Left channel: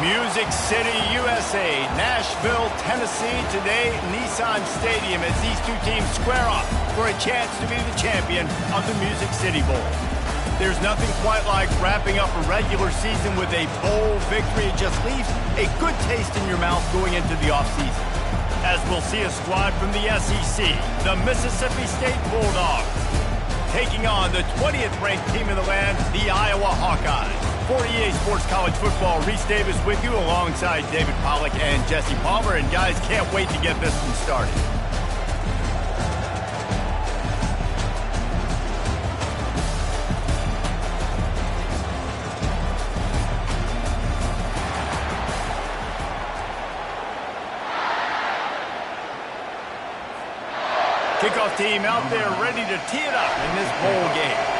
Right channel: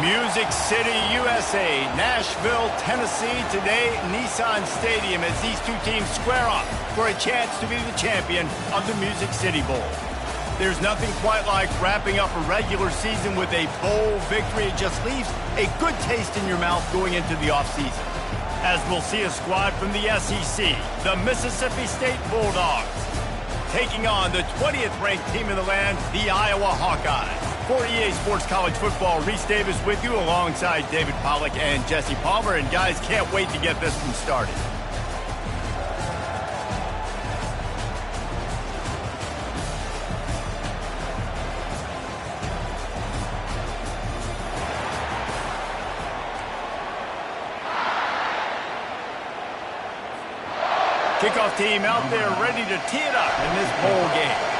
Music City, USA, Nashville, Tennessee, today Nissan Stadium as these two teams square off for a chance to be the champion of the Music City Bowl. There's nothing quite like wrapping up a regular season with a bowl victory. It just leaves a good taste in your mouth going into the offseason. As we'll see a squad from the SEC, the Mississippi State Bulldogs, taking on the 20th ranked team in the land, the Iowa Hawkeyes. For EA Sports College Football, Reese Davis with you alongside David Pollack and Jesse Palmer. And guys, can't wait to get this one started. Kickoff team out there ready to tee it up in this bowl game.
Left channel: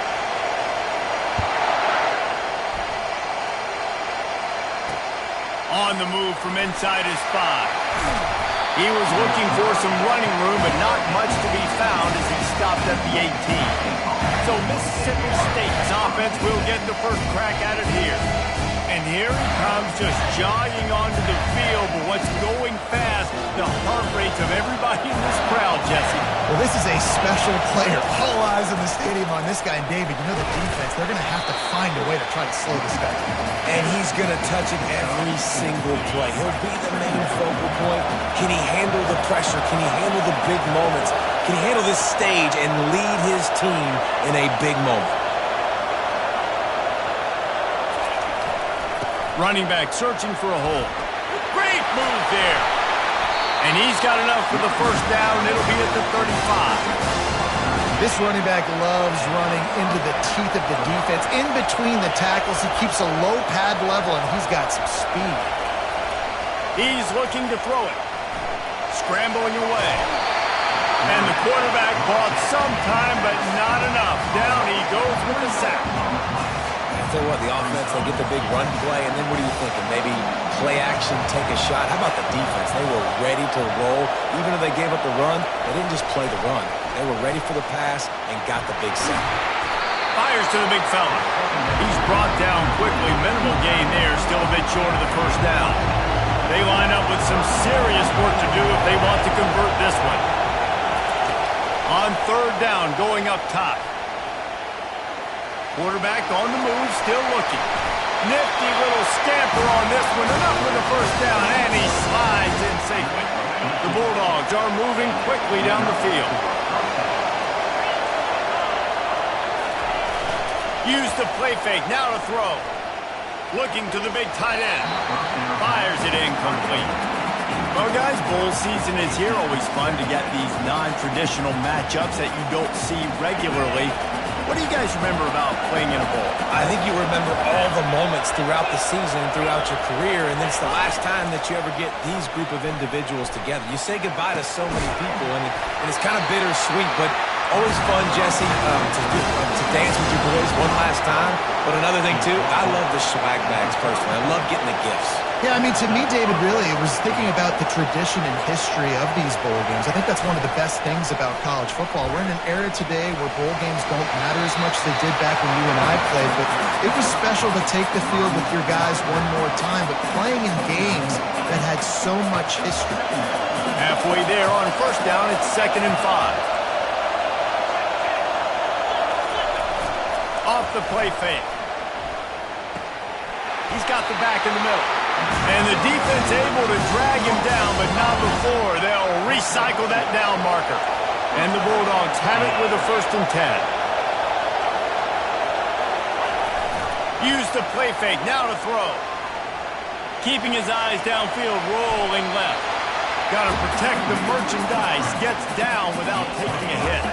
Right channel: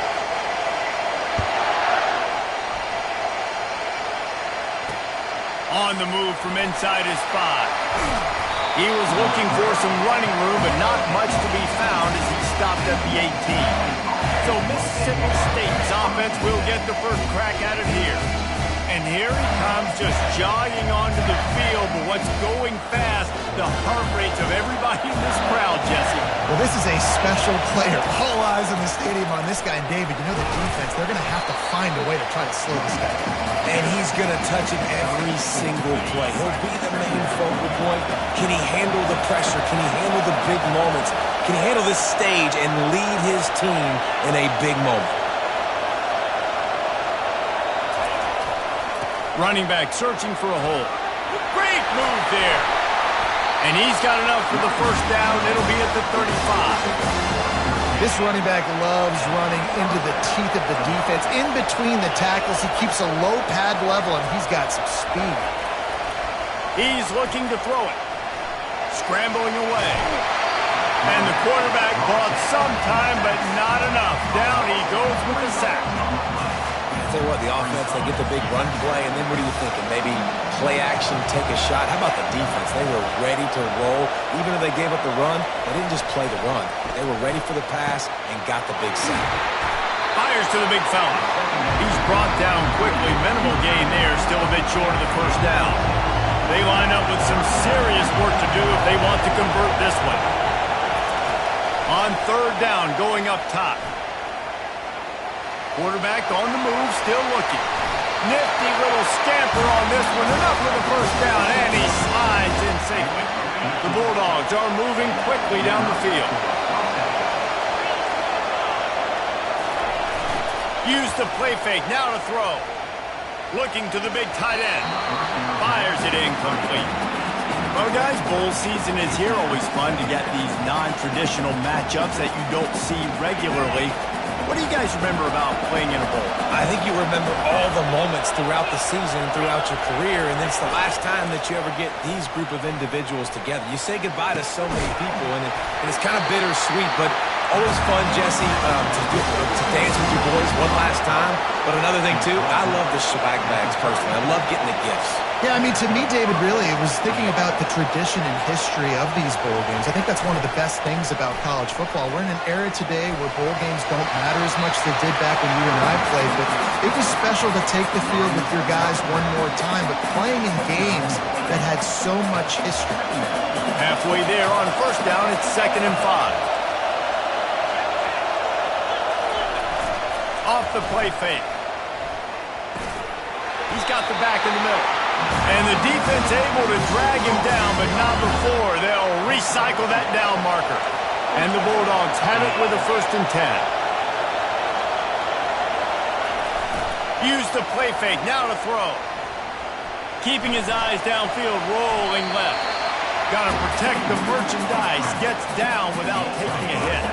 On the move from inside his 5. He was looking for some running room, but not much to be found as he stopped at the 18. So Mississippi State's offense will get the first crack at it here. And here he comes, just jogging onto the field, but what's going fast, the heart rates of everybody in this crowd, Jesse. Well, this is a special player. All eyes in the stadium on this guy. And David, you know the defense, they're going to have to find a way to try to slow this guy down. And he's going to touch it every single play. He'll be the main focal point. Can he handle the pressure? Can he handle the big moments? Can he handle this stage and lead his team in a big moment? Running back searching for a hole. Great move there. And he's got enough for the first down. It'll be at the 35. This running back loves running into the teeth of the defense. In between the tackles, he keeps a low pad level, and he's got some speed. He's looking to throw it. Scrambling away. And the quarterback bought some time, but not enough. Down he goes with the sack. I tell you what, the offense, they get the big run play, and then what are you thinking? Maybe play action, take a shot. How about the defense? They were ready to roll. Even if they gave up the run, they didn't just play the run. They were ready for the pass and got the big sack. Fires to the big fella. He's brought down quickly. Minimal gain there, still a bit short of the first down. They line up with some serious work to do if they want to convert this one. On third down, going up top. Quarterback on the move, still looking. Nifty little scamper on this one. Enough for the first down, and he slides in safely. The Bulldogs are moving quickly down the field. Use the play fake, now to throw. Looking to the big tight end. Fires it incomplete. Well, guys, bowl season is here. Always fun to get these non-traditional matchups that you don't see regularly. What do you guys remember about playing in a bowl? I think you remember all the moments throughout the season and throughout your career, and it's the last time that you ever get these group of individuals together. You say goodbye to so many people, and it's kind of bittersweet, but always fun, Jesse, to dance with your boys one last time. But another thing, too, I love the swag bags personally. I love getting the gifts. Yeah, I mean, to me, David, really, it was thinking about the tradition and history of these bowl games. I think that's one of the best things about college football. We're in an era today where bowl games don't matter as much as they did back when you and I played, but it was special to take the field with your guys one more time, but playing in games that had so much history. Halfway there on first down, it's 2nd and 5. Off the play fake. He's got the back in the middle. And the defense able to drag him down, but not before. They'll recycle that down marker. And the Bulldogs have it with a 1st and 10. Use the play fake, now to throw. Keeping his eyes downfield, rolling left. Got to protect the merchandise, gets down without taking a hit.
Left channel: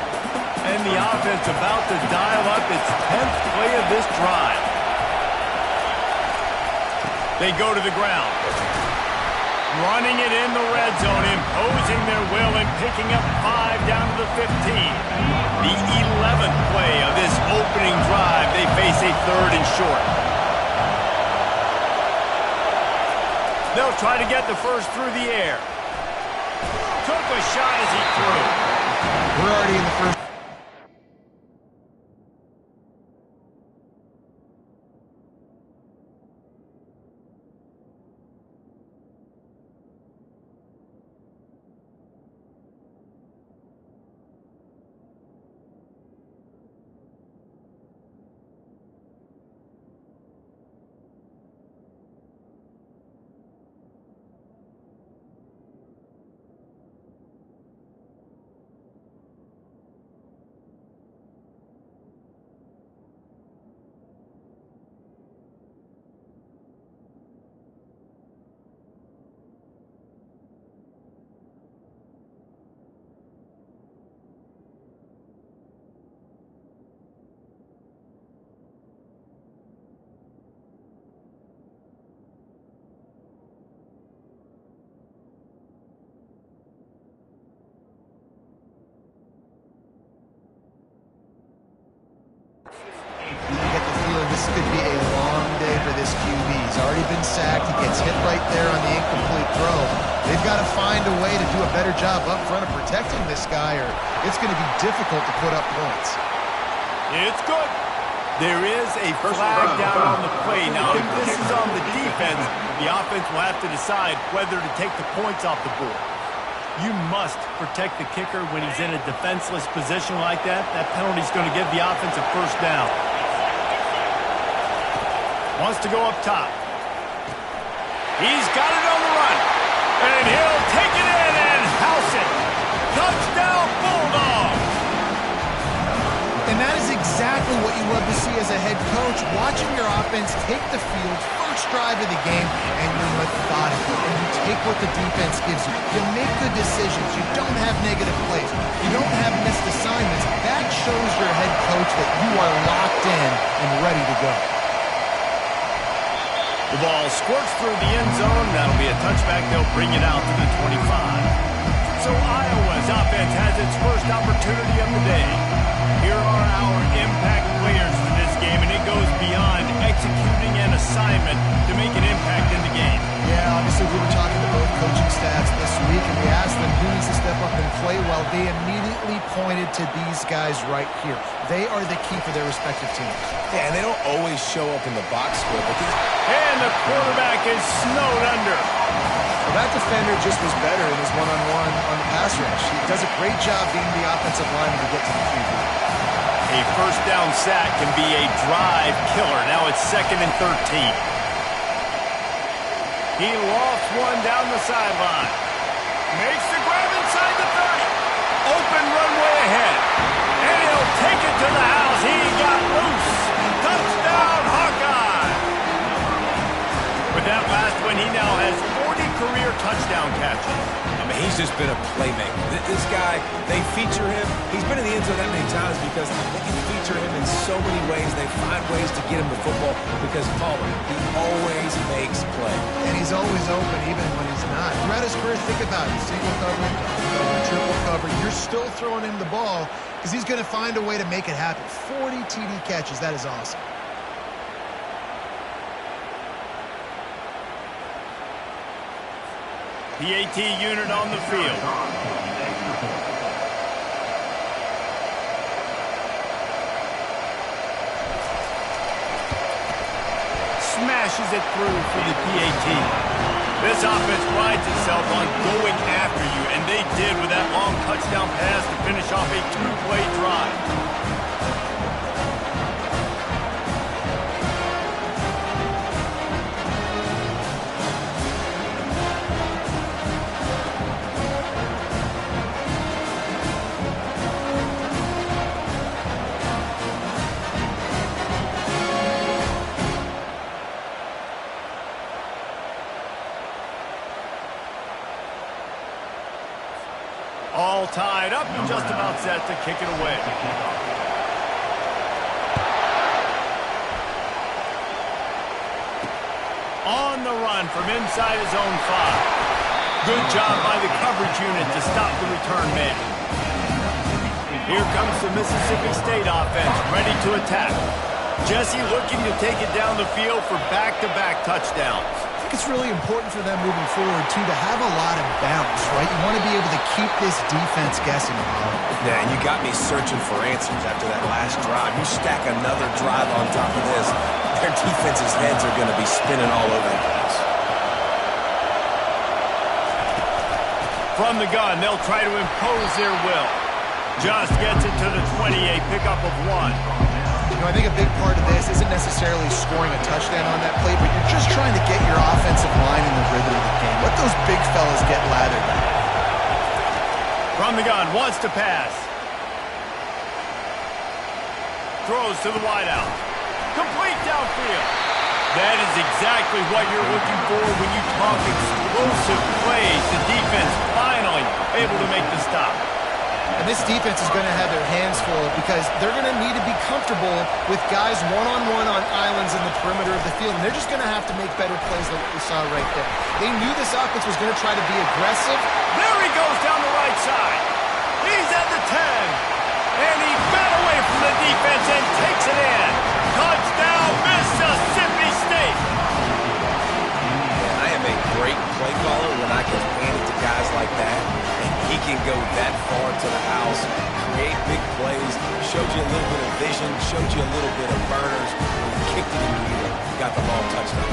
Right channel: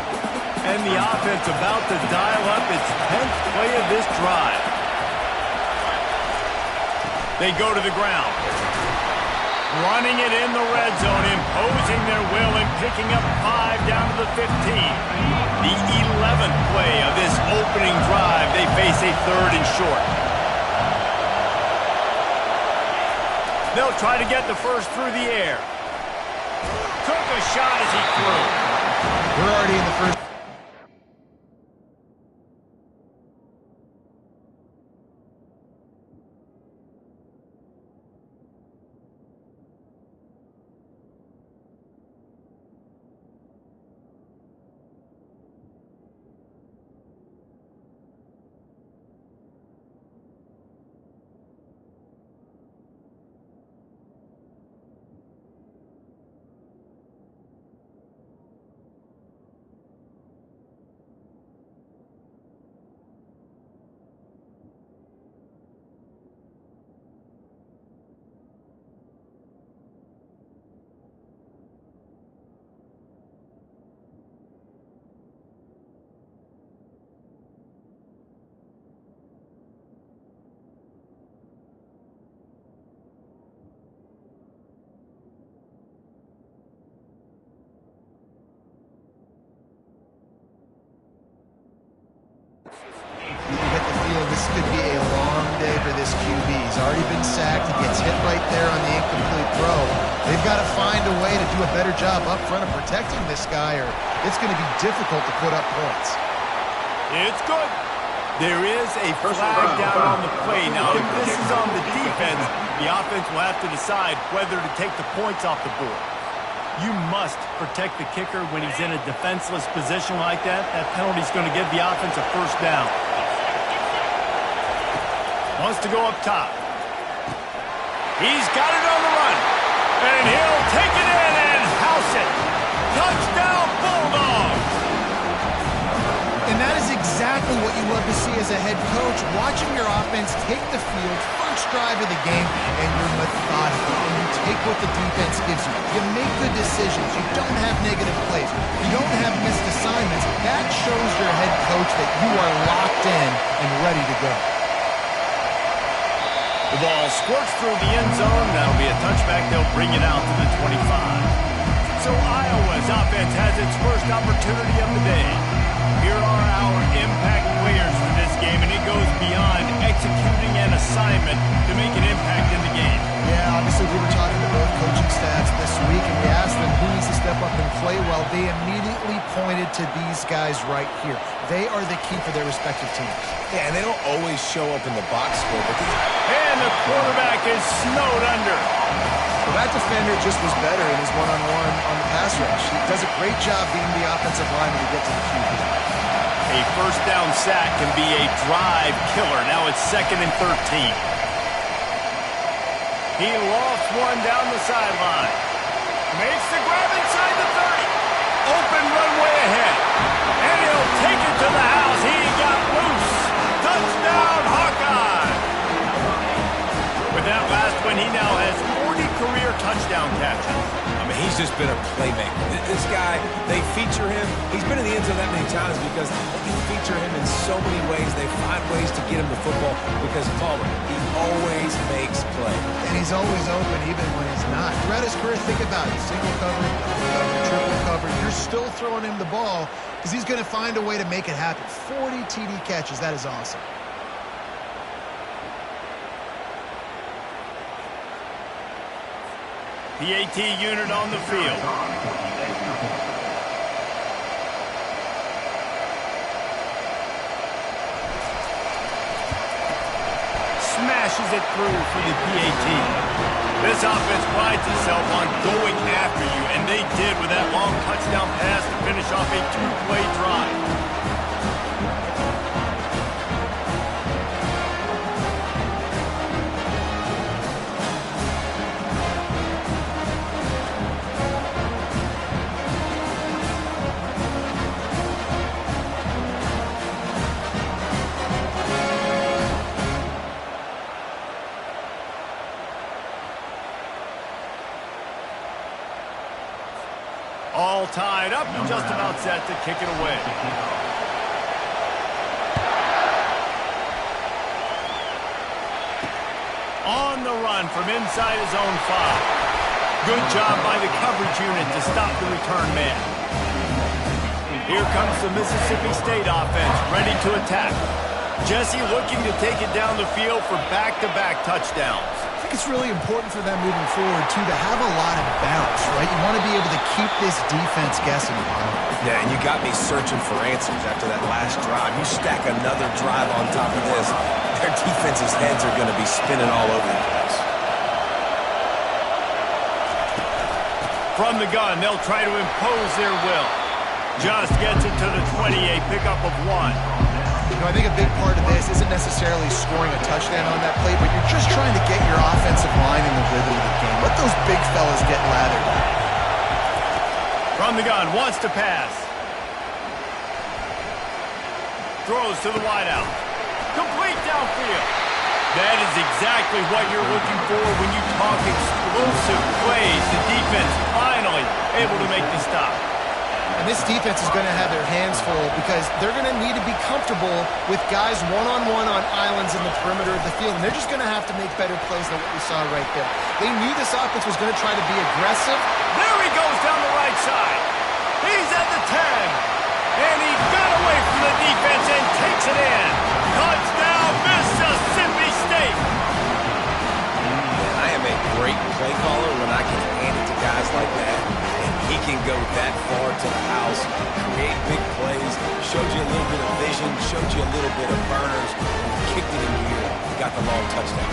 And the offense about to dial up its 10th play of this drive. They go to the ground. Running it in the red zone, imposing their will and picking up 5 down to the 15. The 11th play of this opening drive. They face a 3rd and short. They'll try to get the first through the air. Took a shot as he threw. We're already in the first. this could be a long day for this QB. He's already been sacked. He gets hit right there on the incomplete throw. They've got to find a way to do a better job up front of protecting this guy, or it's going to be difficult to put up points. It's good. There is a flag down on the play. Now, if this is on the defense, the offense will have to decide whether to take the points off the board. You must protect the kicker when he's in a defenseless position like that. That penalty is going to give the offense a first down. Wants to go up top. He's got it on the run. And he'll take it in and house it. Touchdown, Bulldogs. And that is exactly what you love to see as a head coach, watching your offense take the field, first drive of the game, and you're methodical, and you take what the defense gives you. You make good decisions. You don't have negative plays. You don't have missed assignments. That shows your head coach that you are locked in and ready to go. The ball squirts through the end zone. That'll be a touchback. They'll bring it out to the 25. So Iowa's offense has its first opportunity of the day. Here are our impact players for this game, and it goes beyond executing an assignment to make an impact in the game. Yeah, obviously we were talking to both coaching staffs this week, and we asked them who needs to step up and play well. They immediately pointed to these guys right here. They are the key for their respective teams. Yeah, and they don't always show up in the box score, but these... And the quarterback is snowed under. Well, that defender just was better in his one-on-one on the pass rush. He does a great job being the offensive lineman to get to the QB. A first down sack can be a drive killer. Now it's 2nd and 13. He lofts one down the sideline. Makes the grab inside the 30. Open runway ahead. And he'll take it to the house. He got loose. Touchdown, Hawkeye. With that last one, he now has 40 career touchdown catches. I mean, he's just been a playmaker. This guy, they feature him. He's been in the end zone that many times because they can feature him in so many ways. They find ways to get him the football because Palmer, he always makes play. And he's always open even when he's not. Throughout his career, think about it. Single cover, double cover, triple cover. You're still throwing him the ball because he's going to find a way to make it happen. 40 TD catches. That is awesome. PAT unit on the field. Smashes it through for the PAT. This offense prides itself on going after you, and they did with that long touchdown pass to finish off a 2-play drive. All tied up and just about set to kick it away. On the run from inside his own 5. Good job by the coverage unit to stop the return man. Here comes the Mississippi State offense, ready to attack. Jesse looking to take it down the field for back-to-back touchdowns. I think it's really important for them moving forward, too, to have a lot of bounce, right? You want to be able to keep this defense guessing, Paul. Yeah, and you got me searching for answers after that last drive. You stack another drive on top of this, their defense's heads are going to be spinning all over the place. From the gun, they'll try to impose their will. Just gets it to the 20, a pickup of 1. You know, I think a big part of this isn't necessarily scoring a touchdown on that play, but you're just trying to get your offensive line in the rhythm of the game. Let those big fellas get lathered up. From the gun, wants to pass. Throws to the wideout. Complete downfield. That is exactly what you're looking for when you talk explosive plays. The defense finally able to make the stop. And this defense is going to have their hands full because they're going to need to be comfortable with guys one-on-one on islands in the perimeter of the field. And they're just going to have to make better plays than what we saw right there. They knew this offense was going to try to be aggressive. There he goes down the right side. He's at the 10. And he got away from the defense and takes it in. Touchdown, great play caller when I can hand it to guys like that, and he can go that far to the house, create big plays, showed you a little bit of vision, showed you a little bit of burners, and kicked it in gear, got the long touchdown.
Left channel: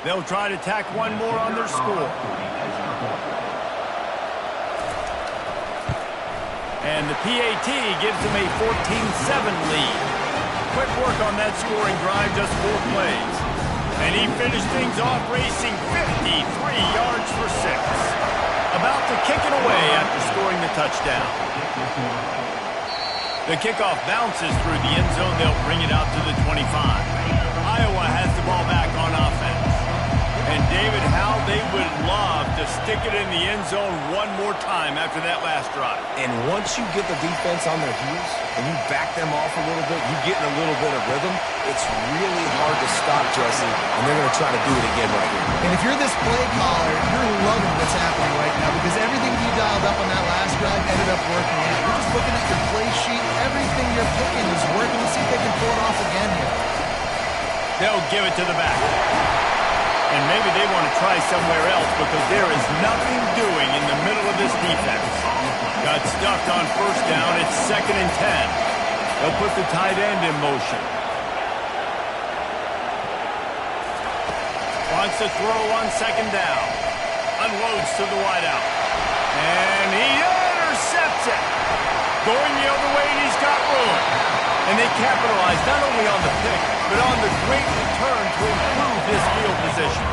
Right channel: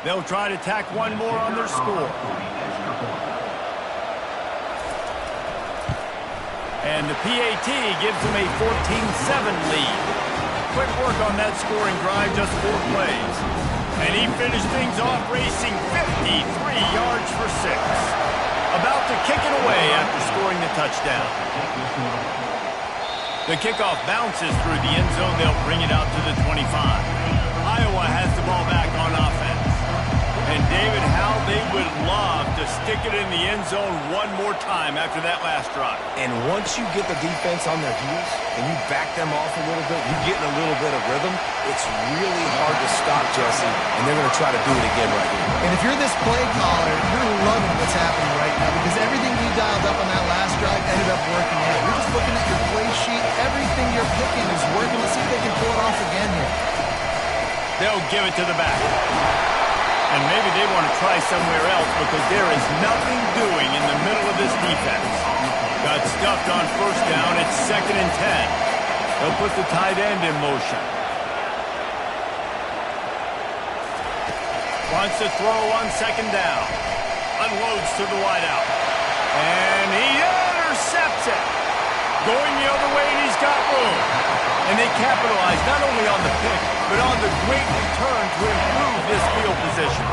They'll try to tack one more on their score. And the PAT gives them a 14-7 lead. Quick work on that scoring drive, just 4 plays. And he finished things off racing 53 yards for 6. About to kick it away after scoring the touchdown. The kickoff bounces through the end zone. They'll bring it out to the 25. Iowa has the ball back on offense. And David, how they would love to stick it in the end zone one more time after that last drive. And once you get the defense on their heels and you back them off a little bit, you get in a little bit of rhythm, it's really hard to stop, Jesse, and they're going to try to do it again right here. And if you're this play caller, you're loving what's happening right now because everything you dialed up on that last drive ended up working out. You're just looking at your play sheet. Everything you're picking is working. Let's see if they can pull it off again here. They'll give it to the back. And maybe they want to try somewhere else because there is nothing doing in the middle of this defense. Got stuffed on first down. It's 2nd and 10. They'll put the tight end in motion. Wants to throw on 2nd down. Unloads to the wideout. And he intercepts it. Going the other way, and he's got room. And they capitalize not only on the pick, but on the great return to improve this field position.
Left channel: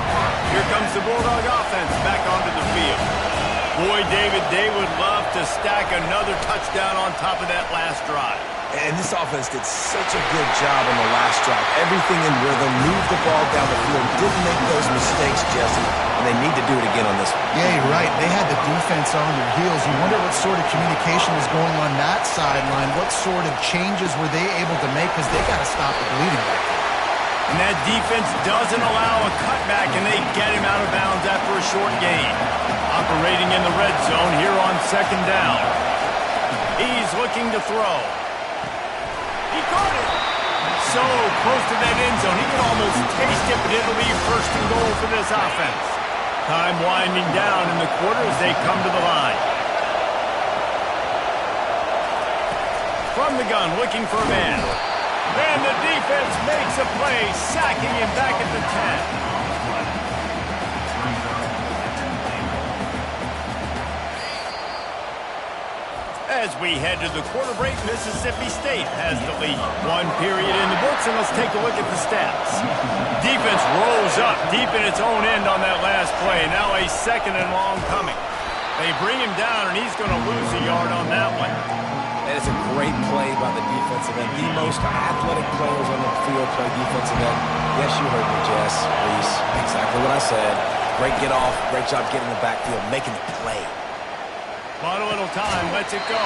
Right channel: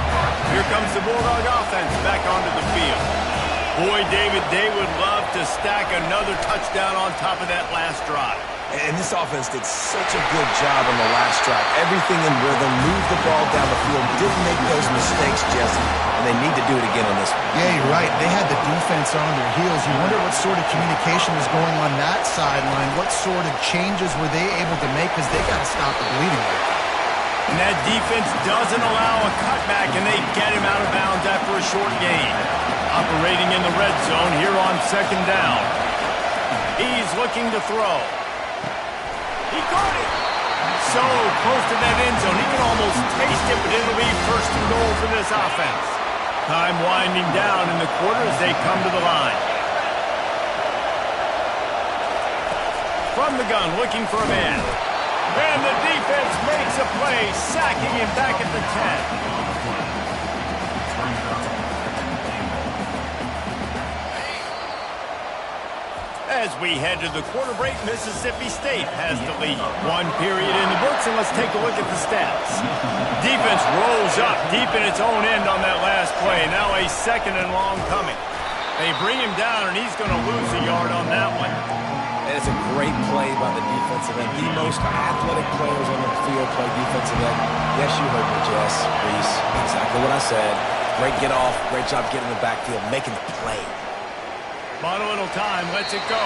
Here comes the Bulldog offense back onto the field. Boy, David, they would love to stack another touchdown on top of that last drive. And this offense did such a good job on the last drive. Everything in rhythm, moved the ball down the field, didn't make those mistakes, Jesse, and they need to do it again on this one. Yeah, you're right. They had the defense on their heels. You wonder what sort of communication is going on that sideline. What sort of changes were they able to make because they got to stop the bleeding right now. And that defense doesn't allow a cutback, and they get him out of bounds after a short gain. Operating in the red zone here on 2nd down. He's looking to throw. He caught it. So close to that end zone. He can almost taste it, but it'll be 1st and goal for this offense. Time winding down in the quarter as they come to the line. From the gun, looking for a man. And the defense makes a play, sacking him back at the 10. As we head to the quarter break, Mississippi State has the lead. 1 period in the books, and let's take a look at the stats. Defense rolls up deep in its own end on that last play. Now a 2nd and long coming. They bring him down, and he's going to lose a yard on that one. And it's a great play by the defensive end. The most athletic players on the field play defensive end. Yes, you heard me, Jess, Reese. Exactly what I said. Great get off. Great job getting in the backfield, making the play. Bought a little time, lets it go.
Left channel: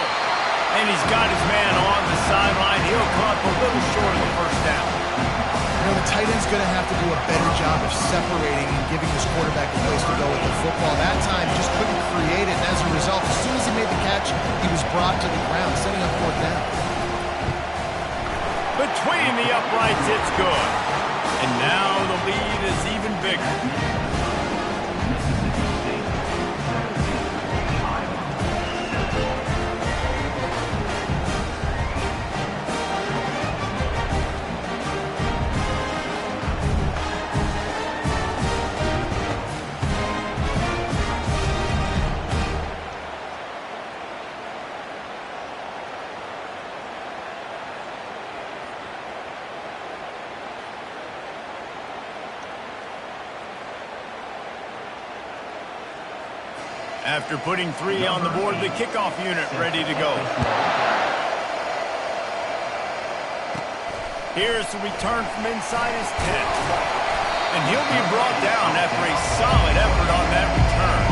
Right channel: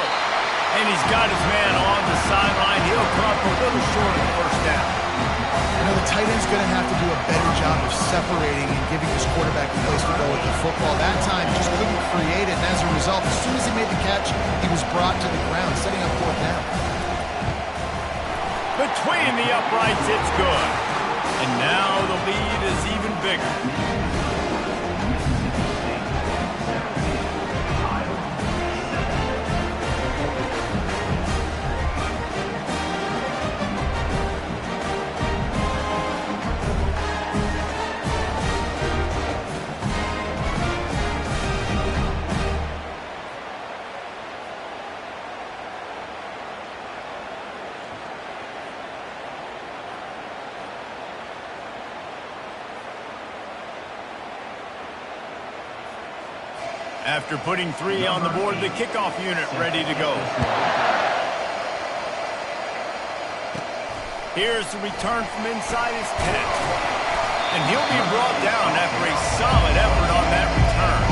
And he's got his man on the sideline. He'll come up a little short of the first down. You know, the tight end's going to have to do a better job of separating and giving his quarterback a place to go with the football. That time, he just couldn't create it. And as a result, as soon as he made the catch, he was brought to the ground, setting up 4th down. Between the uprights, it's good. And now the lead is even bigger. After putting 3 on the board, the kickoff unit ready to go. Here's the return from inside his 10. And he'll be brought down after a solid effort on that return.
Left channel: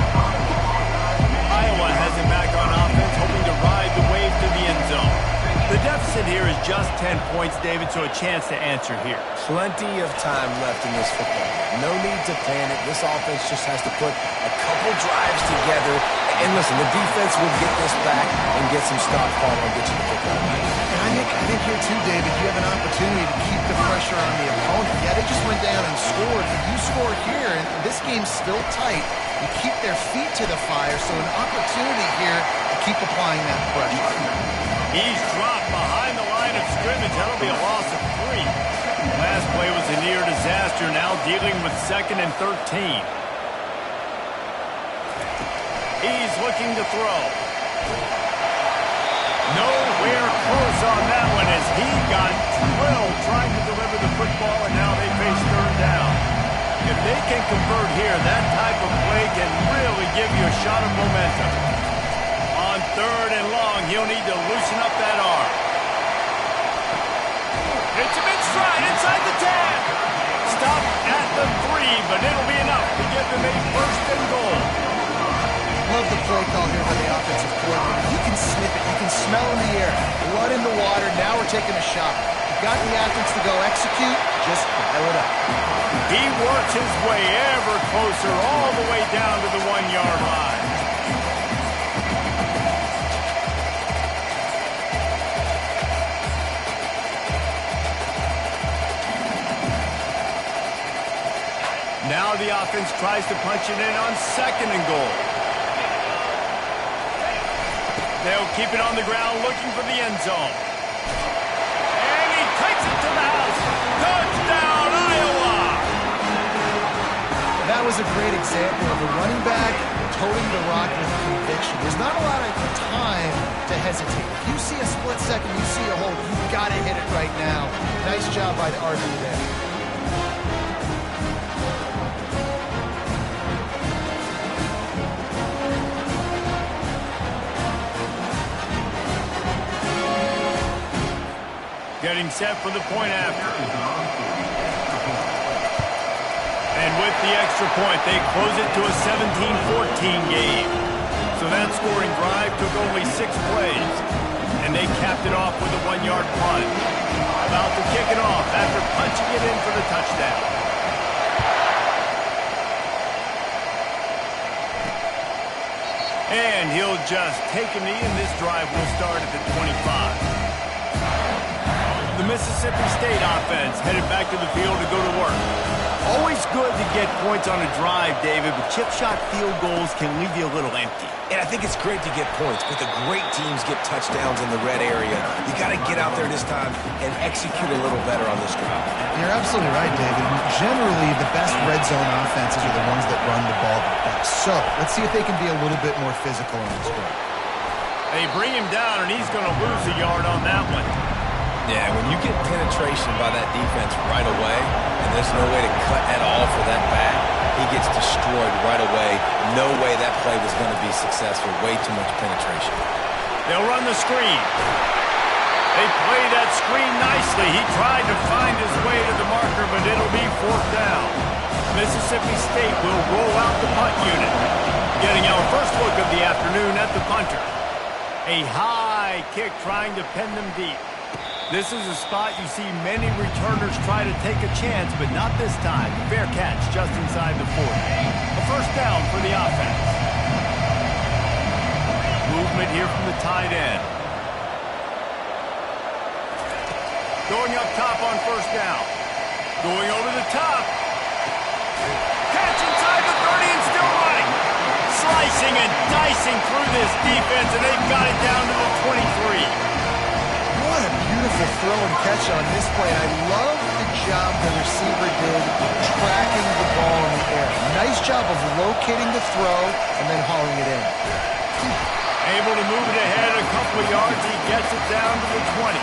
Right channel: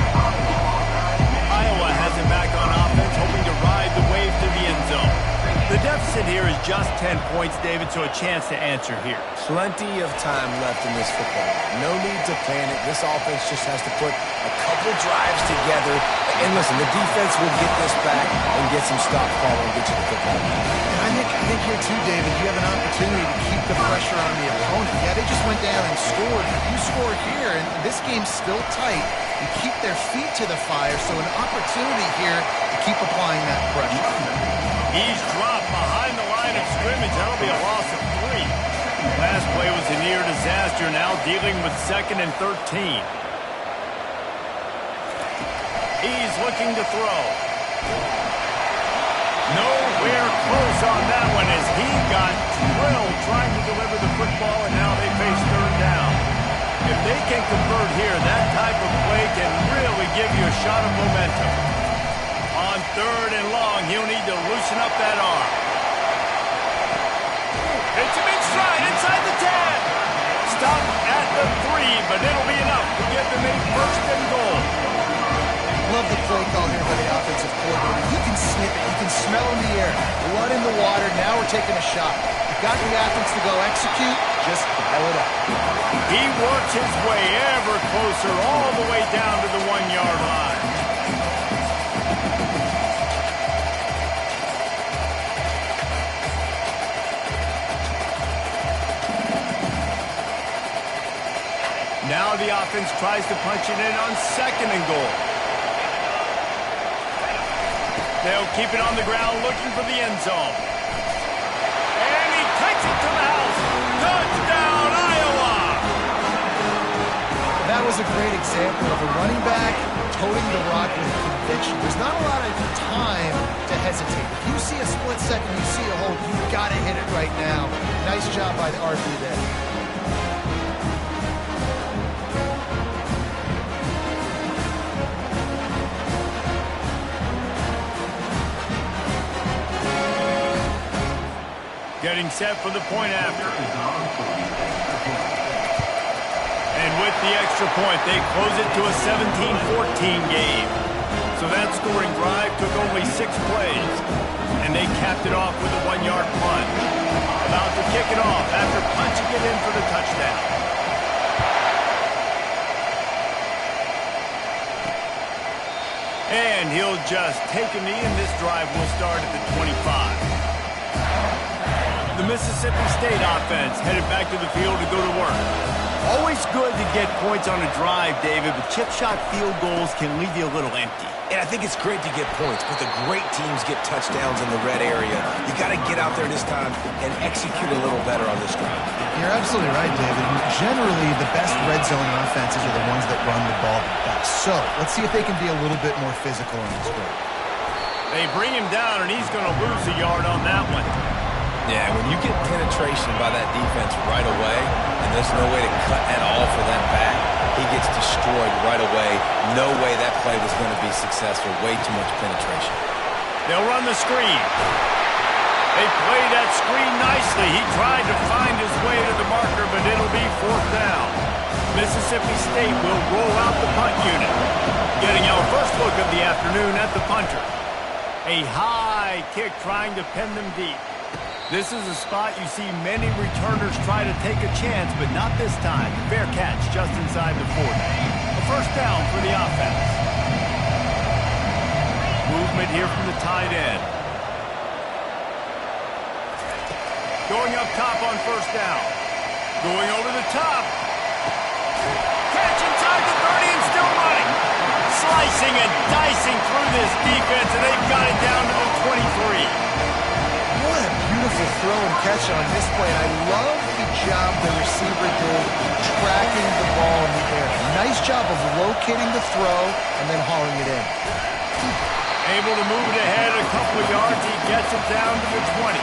The deficit here is just 10 points, David, so a chance to answer here. Plenty of time left in this football game. No need to panic. This offense just has to put a couple drives together. And listen, the defense will get this back and get some stop follow and get you the football back. And I think here too, David, you have an opportunity to keep the pressure on the opponent. Yeah, they just went down and scored, but you score here, and this game's still tight. You keep their feet to the fire, so an opportunity here to keep applying that pressure. He's dropped behind the line of scrimmage. That'll be a loss of 3. Last play was a near disaster. Now dealing with 2nd and 13. He's looking to throw. Nowhere close on that one as he got drilled trying to deliver the football, and now they face 3rd down. If they can convert here, that type of play can really give you a shot of momentum. On 3rd and long, he'll need to loosen up that arm. Hits him in stride inside the 10. Stop at the 3, but it'll be enough to give them a 1st and goal. Love the play call here by the offensive coordinator. You can sniff it. You can smell in the air. Blood in the water. Now we're taking a shot. You've got the athletes to go execute. Just dial it up. He works his way ever closer all the way down to the 1-yard line. Now the offense tries to punch it in on 2nd and goal. They'll keep it on the ground looking for the end zone. And he takes it to the house. Touchdown, Iowa! That was a great example of a running back toting the rock with conviction. There's not a lot of time to hesitate. If you see a split second, you see a hole, you've got to hit it right now. Nice job by the RB there. Getting set for the point after. And with the extra point, they close it to a 17-14 game. So that scoring drive took only 6 plays. And they capped it off with a 1-yard punt. About to kick it off after punching it in for the touchdown. And he'll just take a knee, and this drive will start at the 25. The Mississippi State offense headed back to the field to go to work. Always good to get points on a drive, David, but chip shot field goals can leave you a little empty. And I think it's great to get points, but the great teams get touchdowns in the red area. You got to get out there this time and execute a little better on this drive. You're absolutely right, David. Generally, the best red zone offenses are the ones that run the ball the best. So let's see if they can be a little bit more physical on this drive. They bring him down, and he's going to lose a yard on that one. Yeah, when you get penetration by that defense right away, and there's no way to cut at all for that back, he gets destroyed right away. No way that play was going to be successful. Way too much penetration. They'll run the screen. They play that screen nicely. He tried to find his way to the marker, but it'll be 4th down. Mississippi State will roll out the punt unit. Getting our first look of the afternoon at the punter. A high kick trying to pin them deep. This is a spot you see many returners try to take a chance, but not this time. Fair catch just inside the 40. A 1st down for the offense. Movement here from the tight end. Going up top on 1st down. Going over the top. Catch inside the 30 and still running. Slicing and dicing through this defense, and they've got it down to the 23. What a beautiful throw and catch on this play. And I love the job the receiver did tracking the ball in the air. Nice job of locating the throw and then hauling it in. Able to move it ahead a couple of yards. He gets it down to the 20.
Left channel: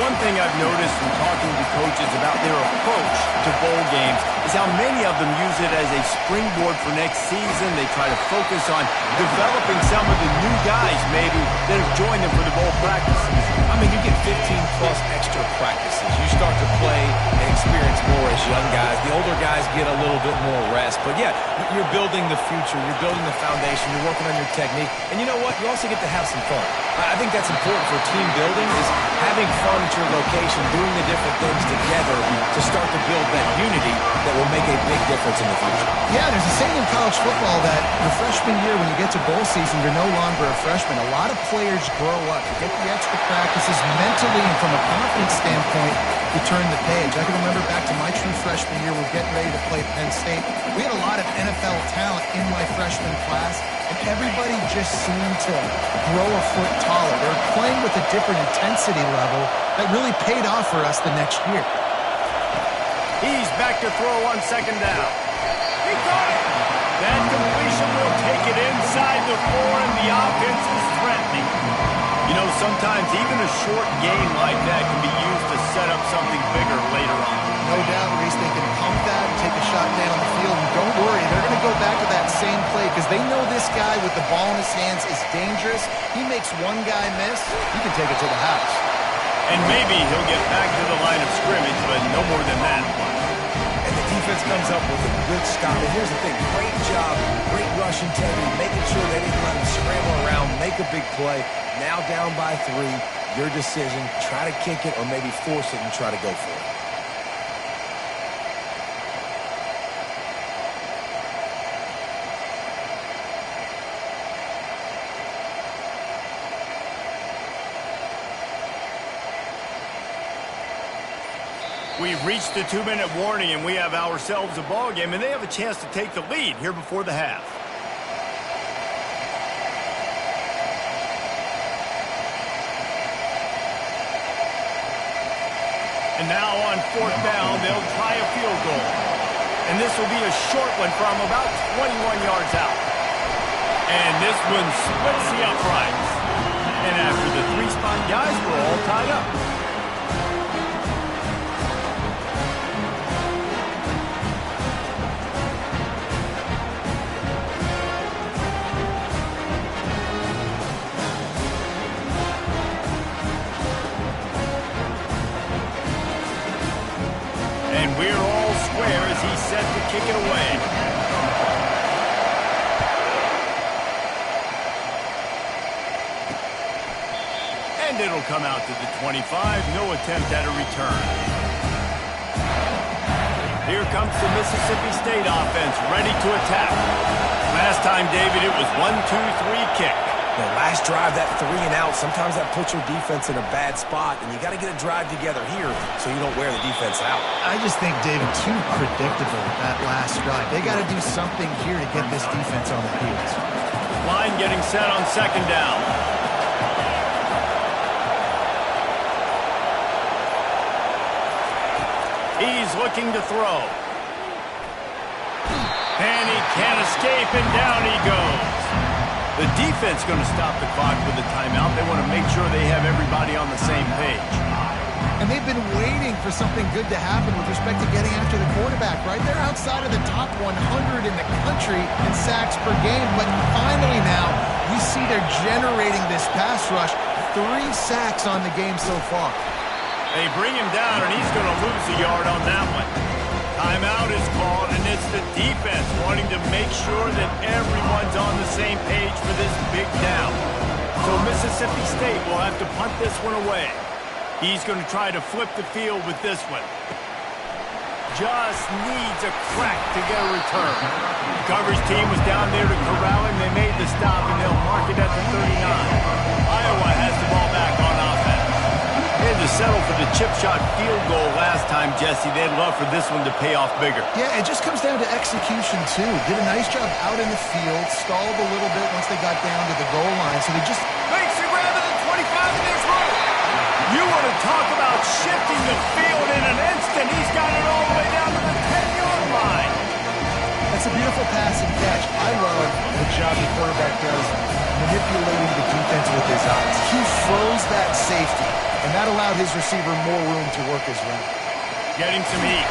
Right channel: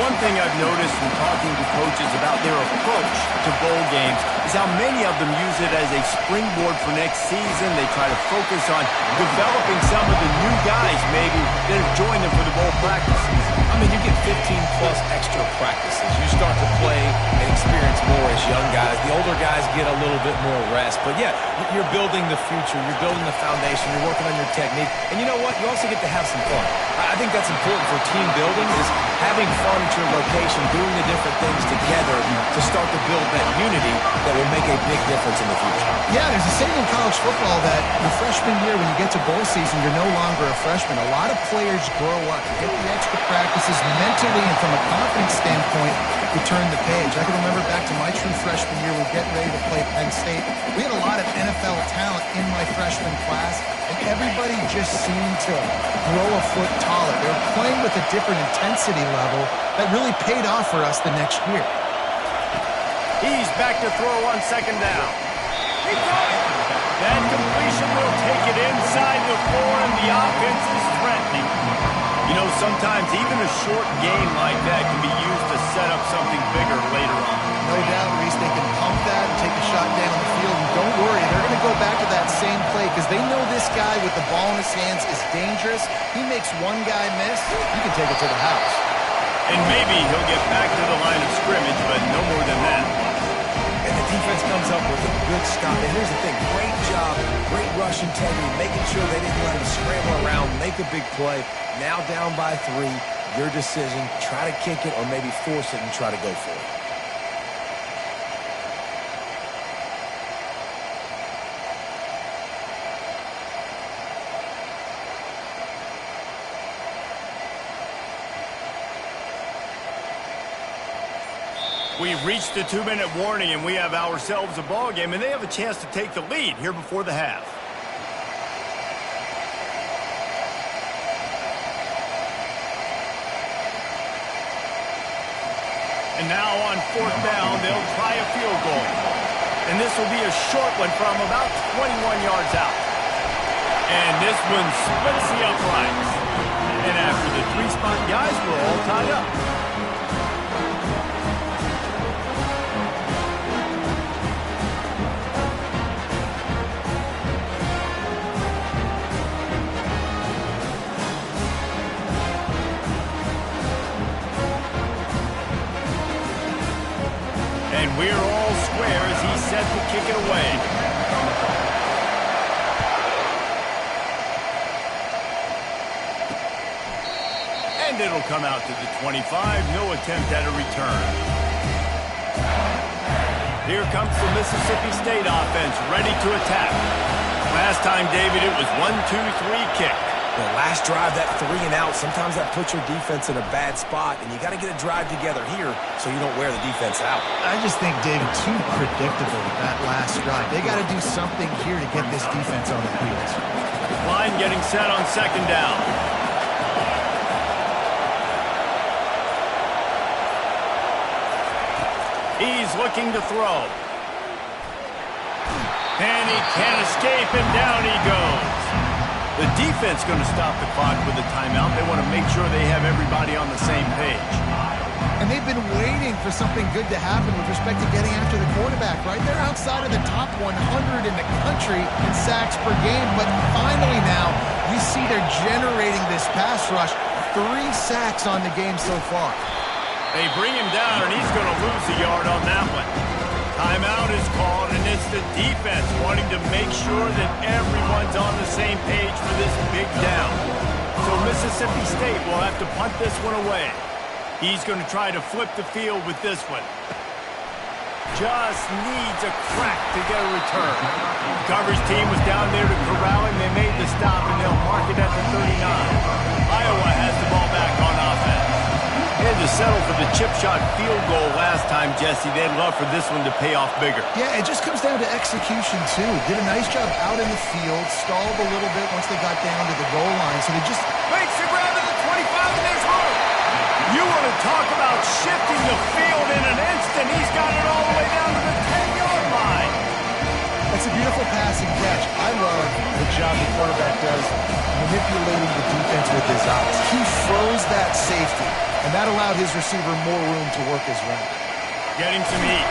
One thing I've noticed from talking to coaches about their approach to bowl games is how many of them use it as a springboard for next season. They try to focus on developing some of the new guys maybe that have joined them for the bowl practices. I mean, you get 15-plus extra practices. You start to play and experience more as young guys. The older guys get a little bit more rest. But, yeah, you're building the future. You're building the foundation. You're working on your technique. And you know what? You also get to have some fun. I think that's important for team building is having fun at your location, doing the different things together to start to build that unity that will make a big difference in the future. Yeah, there's a saying in college football that your freshman year, when you get to bowl season, you're no longer a freshman. A lot of players grow up, get the extra practices mentally, and from a confidence standpoint, you turn the page. I can remember back to my true freshman year, we were getting ready to play Penn State. We had a lot of NFL talent in my freshman class, and everybody just seemed to grow a foot taller. They were playing with a different intensity level that really paid off for us the next year. He's back to throw on second down. He got it! That completion will take it inside the 4, and the offense is threatening. You know, sometimes even a short gain like that can be used to set up something bigger later on. No doubt, Reese, they can pump that and take a shot down the field. And don't worry, they're going to go back to that same play because they know this guy with the ball in his hands is dangerous. He makes one guy miss, he can take it to the house. And maybe he'll get back to the line of scrimmage, but no more than that. And the defense comes up with a good stop. And here's the thing, great job, great rush integrity, making sure they didn't let him scramble around, make a big play. Now down by 3, your decision, try to kick it or maybe force it and try to go for it. We've reached the 2-minute warning, and we have ourselves a ball game, and they have a chance to take the lead here before the half. And now on 4th down, they'll try a field goal. And this will be a short one from about 21 yards out. And this one splits the uprights. And after the 3-spot guys, we're all tied up. And we're all square as he's set to kick it away. And it'll come out to the 25. No attempt at a return. Here comes the Mississippi State offense, ready to attack. Last time, David, it was 1-2-3 kick. The last drive, that 3 and out, sometimes that puts your defense in a bad spot, and you got to get a drive together here so you don't wear the defense out. I just think, David, too predictable that last drive. They got to do something here to get this defense on their heels. Line getting set on second down. He's looking to throw. And he can't escape, and down he goes. The defense going to stop the clock with a timeout. They want to make sure they have everybody on the same page. And they've been waiting for something good to happen with respect to getting after the quarterback, right? They're outside of the top 100 in the country in sacks per game. But finally now, you see they're generating this pass rush. 3 sacks on the game so far. They bring him down, and he's going to lose a yard on that one. Timeout is called, and it's the defense wanting to make sure that everyone's on the same page for this big down. So Mississippi State will have to punt this one away. He's going to try to flip the field with this one. Just needs a crack to get a return. The coverage team was down there to corral him. They made the stop, and they'll mark it at the 39. Iowa has the ball back on offense. They had to settle for the chip shot field goal last time, Jesse. They'd love for this one to pay off bigger. Yeah, it just comes down to execution, too. Did a nice job out in the field, stalled a little bit once they got down to the goal line. So they just makes the grab at the 25, and there's room. You want to talk about shifting the field in an instant. He's got it all the way down to the 10-yard line. That's a beautiful pass and catch. I love the job the quarterback does manipulating the defense with his eyes. He froze that safety. and that allowed his receiver more room to work his route. Getting some heat.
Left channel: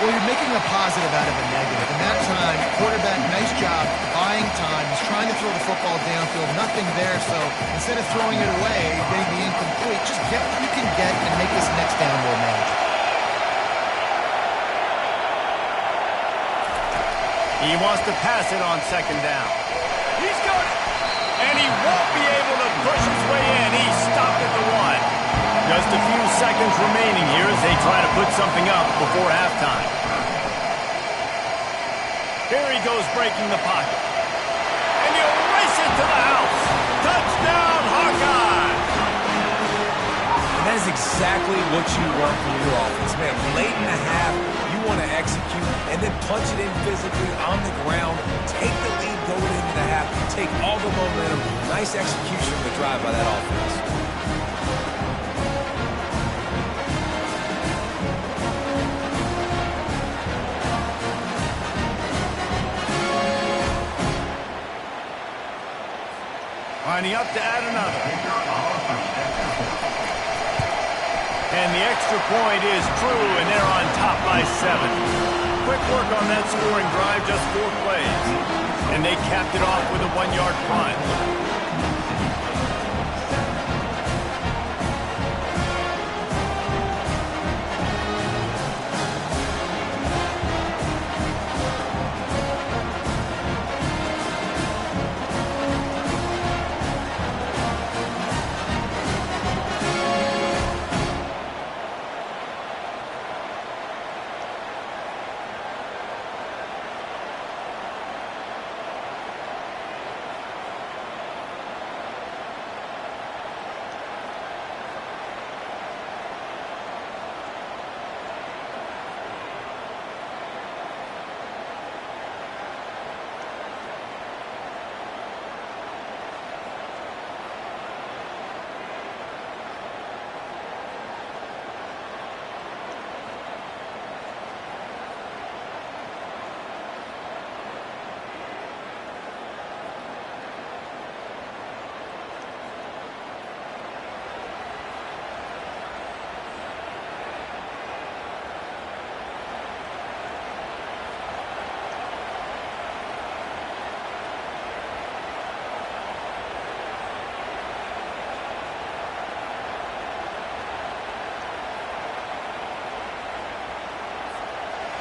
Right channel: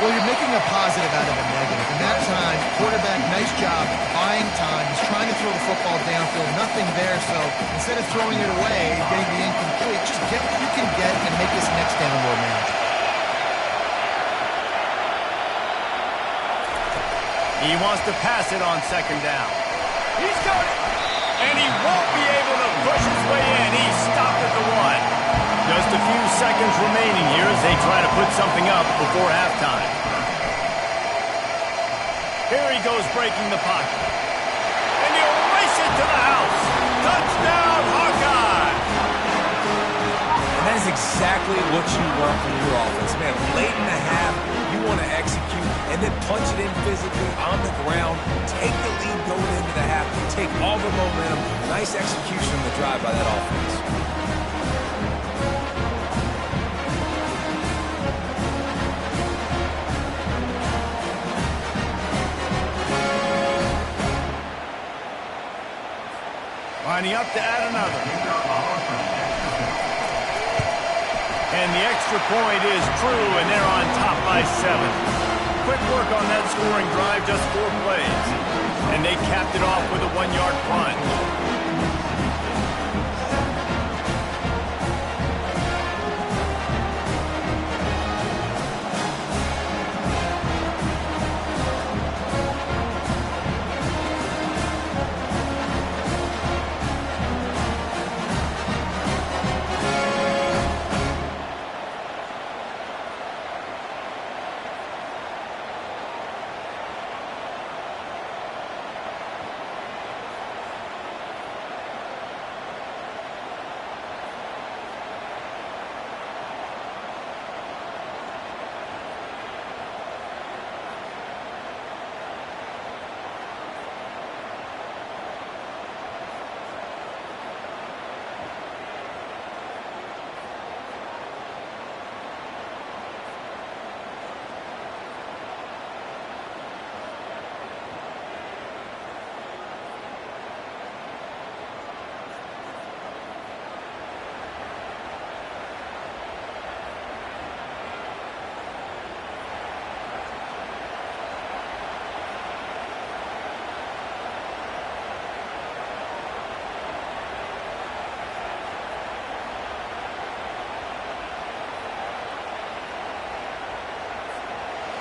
Well, you're making a positive out of a negative. In that time, quarterback, nice job, buying time. He's trying to throw the football downfield, nothing there. So instead of throwing it away, getting the incomplete, just get what you can get and make this next down more manageable. He wants to pass it on second down. He's got it. And he won't be able to push his way in. He stopped at the 1. Just a few seconds remaining here as they try to put something up before halftime. Here he goes breaking the pocket. And he'll race it to the house. Touchdown, Hawkeye! And that is exactly what you want from your offense. Man, late in the half, you want to execute and then punch it in physically on the ground. Take the lead going into the half. Take all the momentum. Nice execution of the drive by that offense. Lining up to add another. And the extra point is true, and they're on top by 7. Quick work on that scoring drive, just 4 plays. And they capped it off with a 1-yard punt.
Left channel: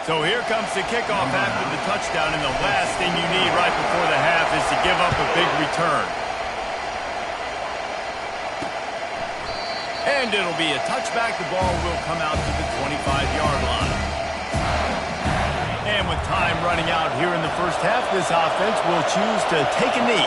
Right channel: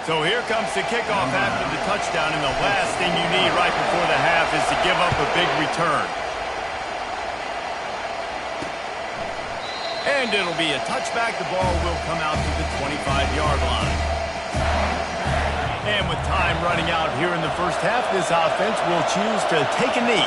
So here comes the kickoff after the touchdown, and the last thing you need right before the half is to give up a big return. And it'll be a touchback. The ball will come out to the 25-yard line. And with time running out here in the first half, this offense will choose to take a knee.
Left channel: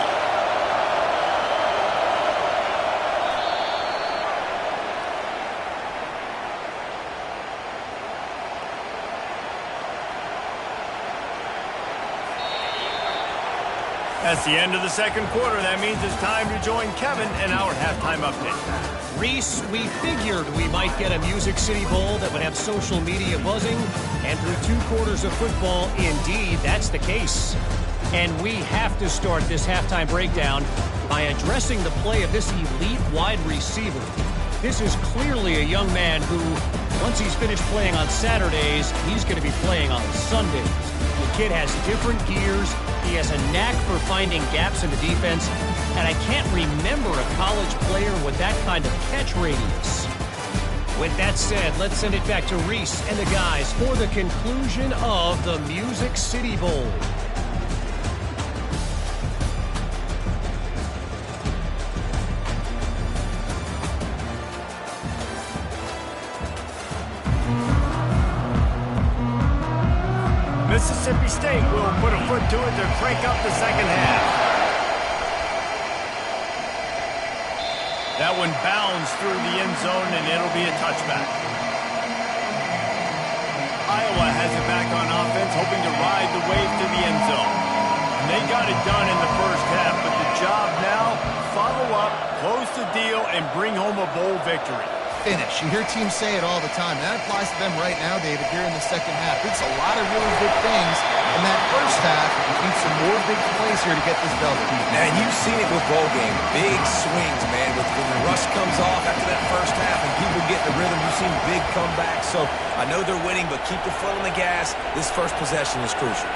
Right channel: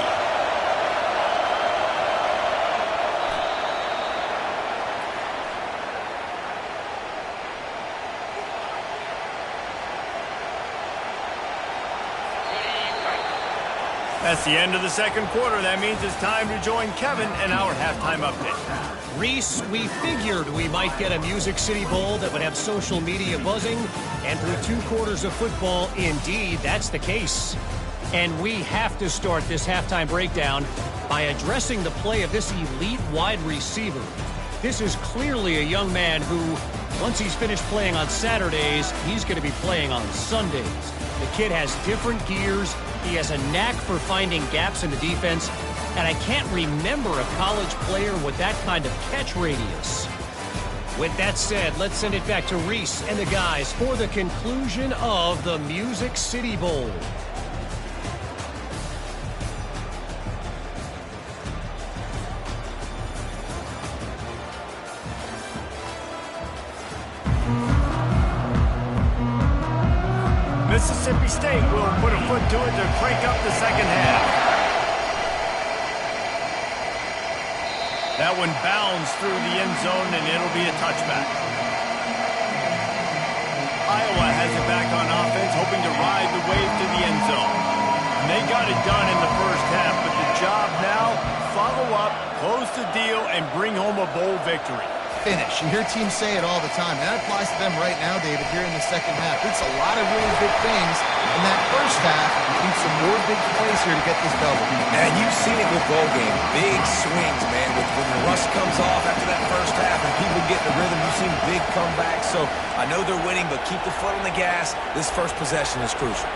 That's the end of the second quarter. That means it's time to join Kevin in our halftime update. Reese, we figured we might get a Music City Bowl that would have social media buzzing, and through 2 quarters of football, indeed, that's the case. And we have to start this halftime breakdown by addressing the play of this elite wide receiver. This is clearly a young man who, once he's finished playing on Saturdays, he's going to be playing on Sundays. The kid has different gears. He has a knack for finding gaps in the defense, and I can't remember a college player with that kind of catch radius. With that said, let's send it back to Reese and the guys for the conclusion of the Music City Bowl. Mississippi State will put a foot to it to crank up the second half. That one bounds through the end zone, and it'll be a touchback. Iowa has it back on offense, hoping to ride the wave to the end zone. And they got it done in the first half, but the job now, follow up, close the deal, and bring home a bowl victory. finish. You hear teams say it all the time. That applies to them right now, David, here in the second half. It's a lot of really big things. In that first half, you need some more big plays here to get this double. And you've seen it with bowl game. Big swings, man. When the rush comes off after that first half and people get in the rhythm, you've seen big comebacks. So I know they're winning, but keep the foot on the gas. This first possession is crucial.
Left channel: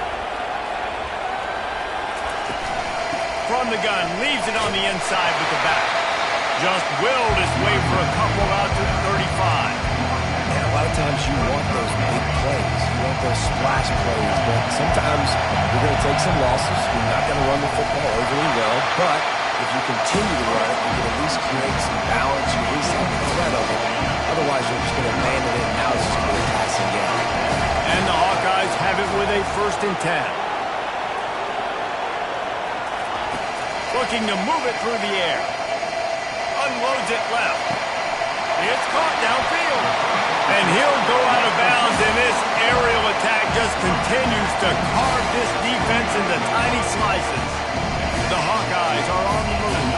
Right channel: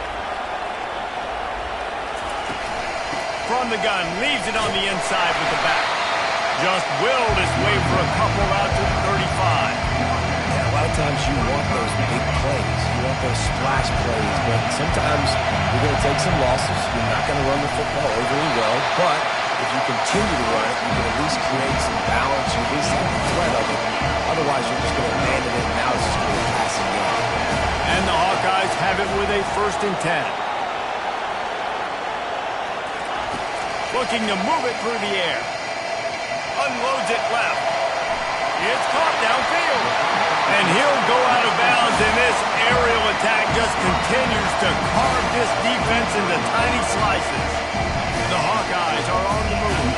From the gun, leaves it on the inside with the back. Just willed his way for a couple out to the 35. Yeah, a lot of times you want those big plays. You want those splash plays, but sometimes you're going to take some losses. You're not going to run the football overly well, but if you continue to run it, you can at least create some balance. You at least have the threat of it. Otherwise, you're just going to abandon it, and now it's just going to be a passing game. And the Hawkeyes have it with a 1st and 10. Looking to move it through the air. Unloads it left. It's caught downfield. And he'll go out of bounds, and this aerial attack just continues to carve this defense into tiny slices. The Hawkeyes are on the move.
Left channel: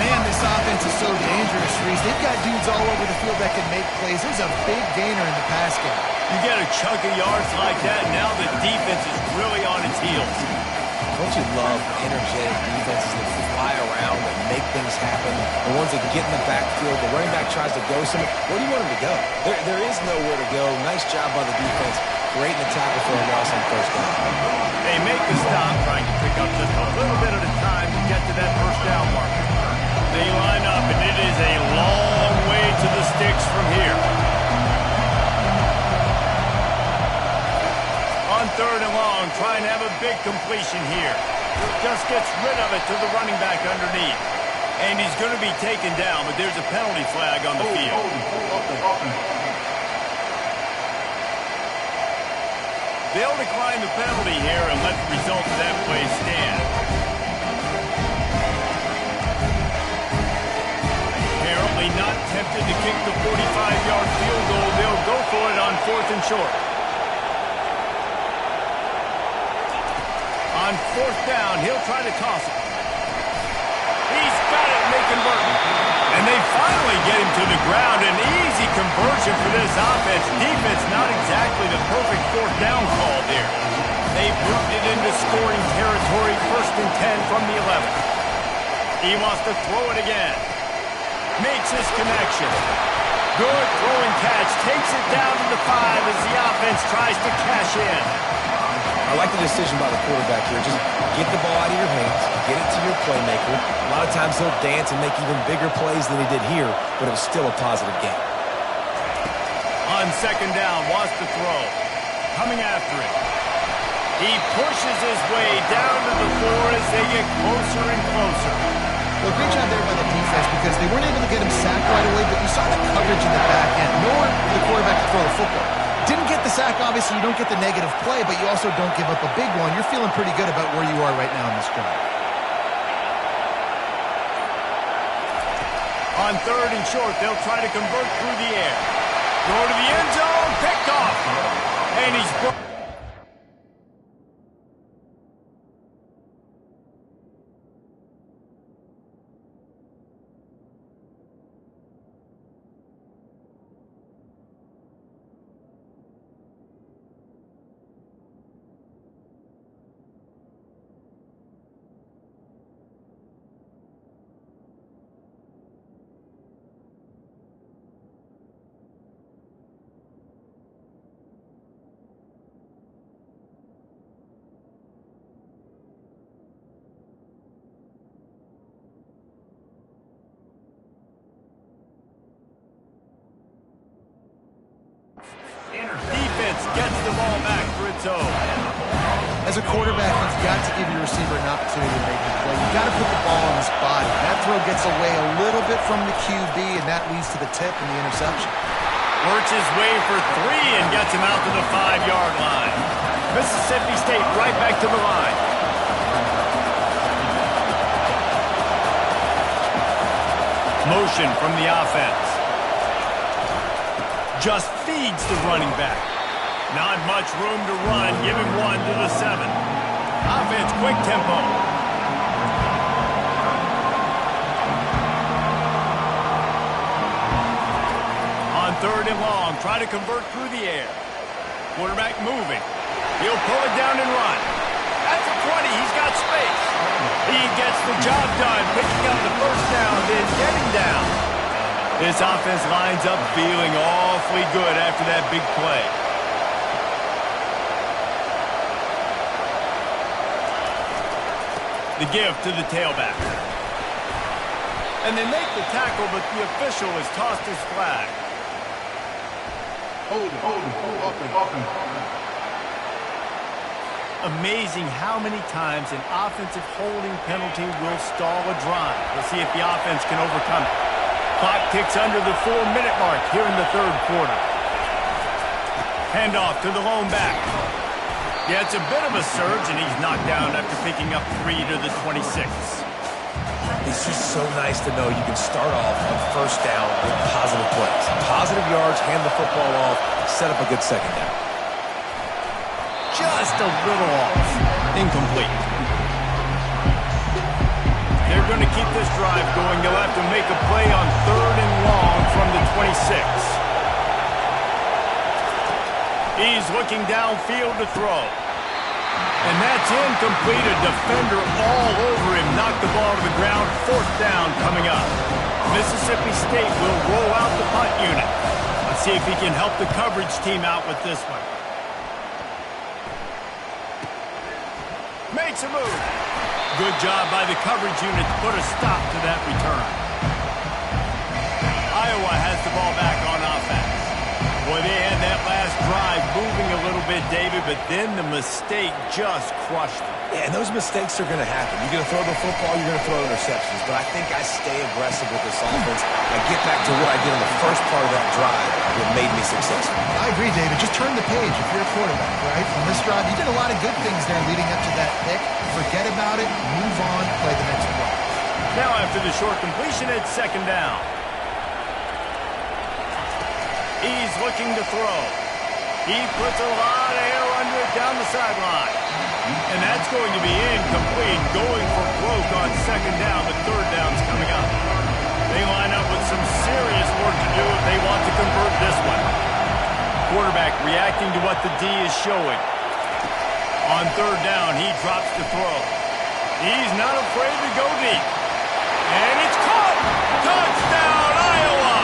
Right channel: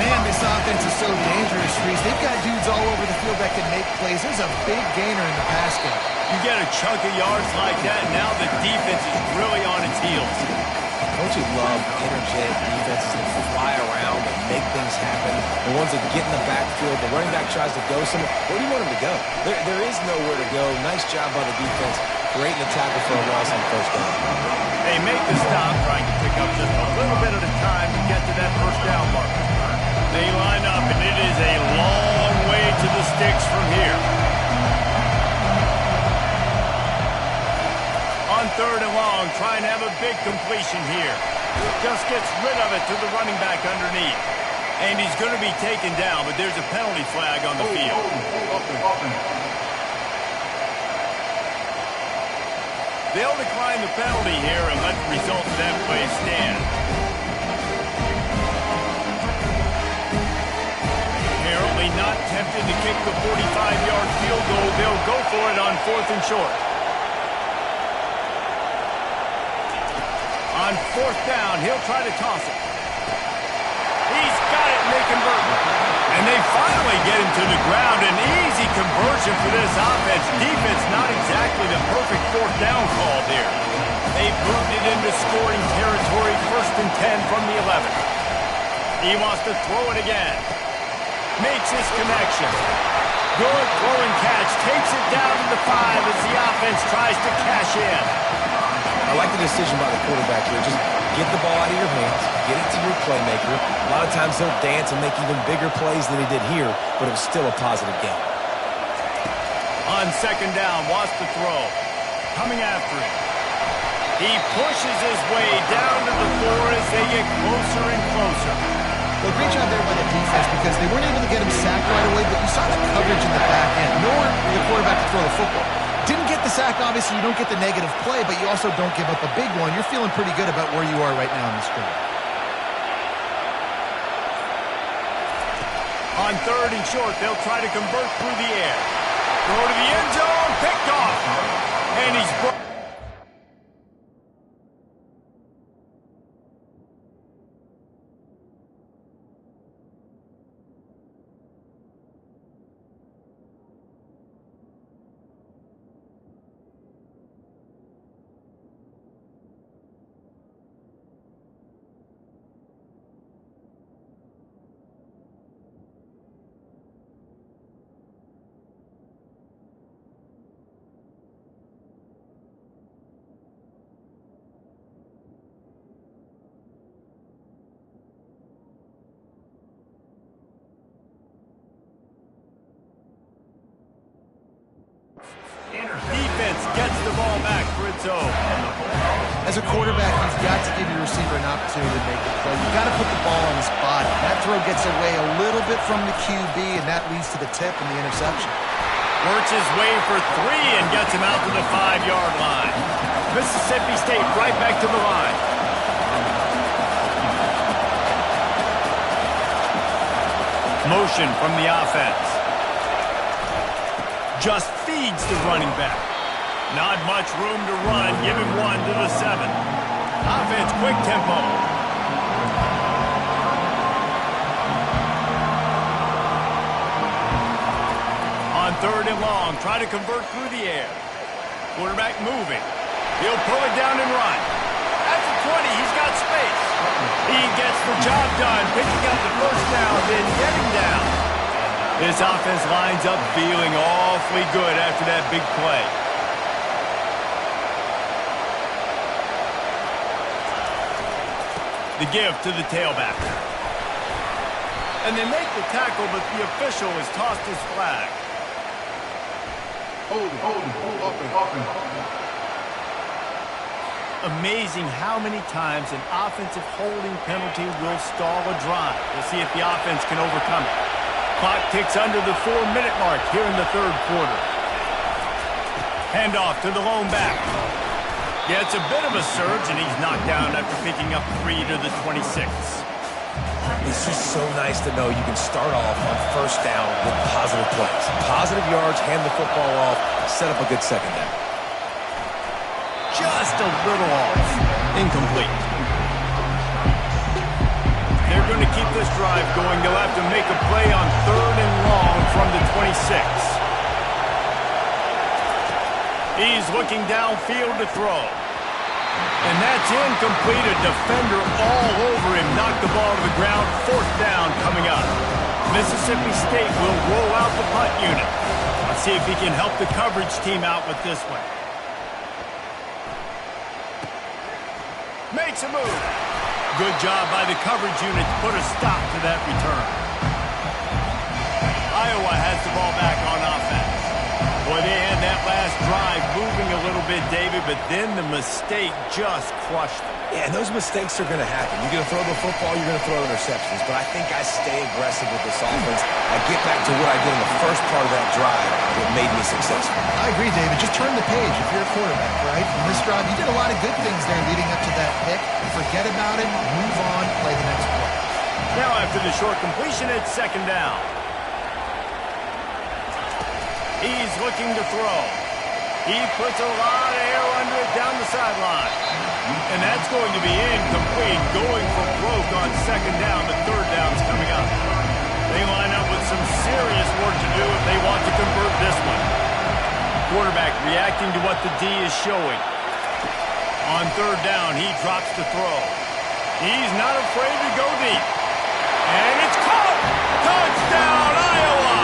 Man, this offense is so dangerous, Reese. They've got dudes all over the field that can make plays. There's a big gainer in the pass game. You get a chunk of yards like that, and now the defense is really on its heels. Don't you love energetic defenses that fly around and make things happen? The ones that get in the backfield, the running back tries to go somewhere. Where do you want him to go? There is nowhere to go. Nice job by the defense, creating the tackle for a loss on first down. They make the stop, trying to pick up just a little bit at a time to get to that first down marker. They line up, and it is a long way to the sticks from here. On 3rd and long, trying to have a big completion here. Just gets rid of it to the running back underneath. And he's going to be taken down, but there's a penalty flag on the field. They'll decline the penalty here and let the result of that play stand. Apparently not tempted to kick the 45-yard field goal. They'll go for it on 4th and short. On 4th down, he'll try to toss it. He's got it, and they convert. And they finally get him to the ground. An easy conversion for this offense. Defense not exactly the perfect 4th down call there. They moved it into scoring territory, 1st and 10 from the 11. He wants to throw it again. Makes his connection. Good throw and catch. Takes it down to the 5 as the offense tries to cash in. I like the decision by the quarterback here. Just get the ball out of your hands, get it to your playmaker. A lot of times he'll dance and make even bigger plays than he did here, but it was still a positive game. On 2nd down, wants to throw. Coming after it. He pushes his way down to the 4 as they get closer and closer. Well, great job there by the defense because they weren't able to get him sacked right away, but you saw the coverage in the back end. Nowhere for the quarterback to throw the football. Didn't get the sack, obviously. You don't get the negative play, but you also don't give up a big one. You're feeling pretty good about where you are right now in this drive. On 3rd and short, they'll try to convert through the air. Throw to the end zone, picked off. And he's brought. Defense gets the ball back for its own. As a quarterback, you've got to give your receiver an opportunity to make the play. You've got to put the ball on his body. That throw gets away a little bit from the QB, and that leads to the tip and the interception. Works his way for 3 and gets him out to the 5-yard line. Mississippi State right back to the line. Motion from the offense. Just feeds the running back. Not much room to run. Give him 1 to the 7. Offense, quick tempo. 3rd and long. Try to convert through the air. Quarterback moving. He'll pull it down and run. That's a 20. He's got space. He gets the job done, picking up the first down, then getting down. This offense lines up feeling awfully good after that big play. The give to the tailback. And they make the tackle, but the official has tossed his flag. Hold it. Amazing how many times an offensive holding penalty will stall a drive. We'll see if the offense can overcome it. Clock ticks under the 4-minute mark here in the 3rd quarter. Handoff to the lone back. Yeah, it's a bit of a surge, and he's knocked down after picking up 3 to the 26. It's just so nice to know you can start off on first down with positive plays. Positive yards, hand the football off, set up a good second down. Just a little off. Incomplete. They're going to keep this drive going. They'll have to make a play on 3rd and long from the 26. He's looking downfield to throw. And that's incomplete. A defender all over him. Knocked the ball to the ground. 4th down coming up. Mississippi State will roll out the punt unit. Let's see if he can help the coverage team out with this one. Makes a move. Good job by the coverage unit to put a stop to that return. Iowa has the ball back on offense. Boy, they had that last drive moving a little bit, David, but then the mistake just crushed them. Yeah, and those mistakes are going to happen. You're going to throw the football, you're going to throw interceptions. But I think I stay aggressive with this offense. I get back to what I did in the first part of that drive that made me successful. I agree, David. Just turn the page if you're a quarterback, right? On this drive, you did a lot of good things there leading up to that pick. Forget about it, move on, play the next play. Now after the short completion, it's 2nd down. He's looking to throw. He puts a lot of air under it down the sideline. And that's going to be incomplete. Going for broke on 2nd down, but 3rd down's coming up. They line up with some serious work to do if they want to convert this one. Quarterback reacting to what the D is showing. On 3rd down, he drops to throw. He's not afraid to go deep. And it's caught! Touchdown, Iowa!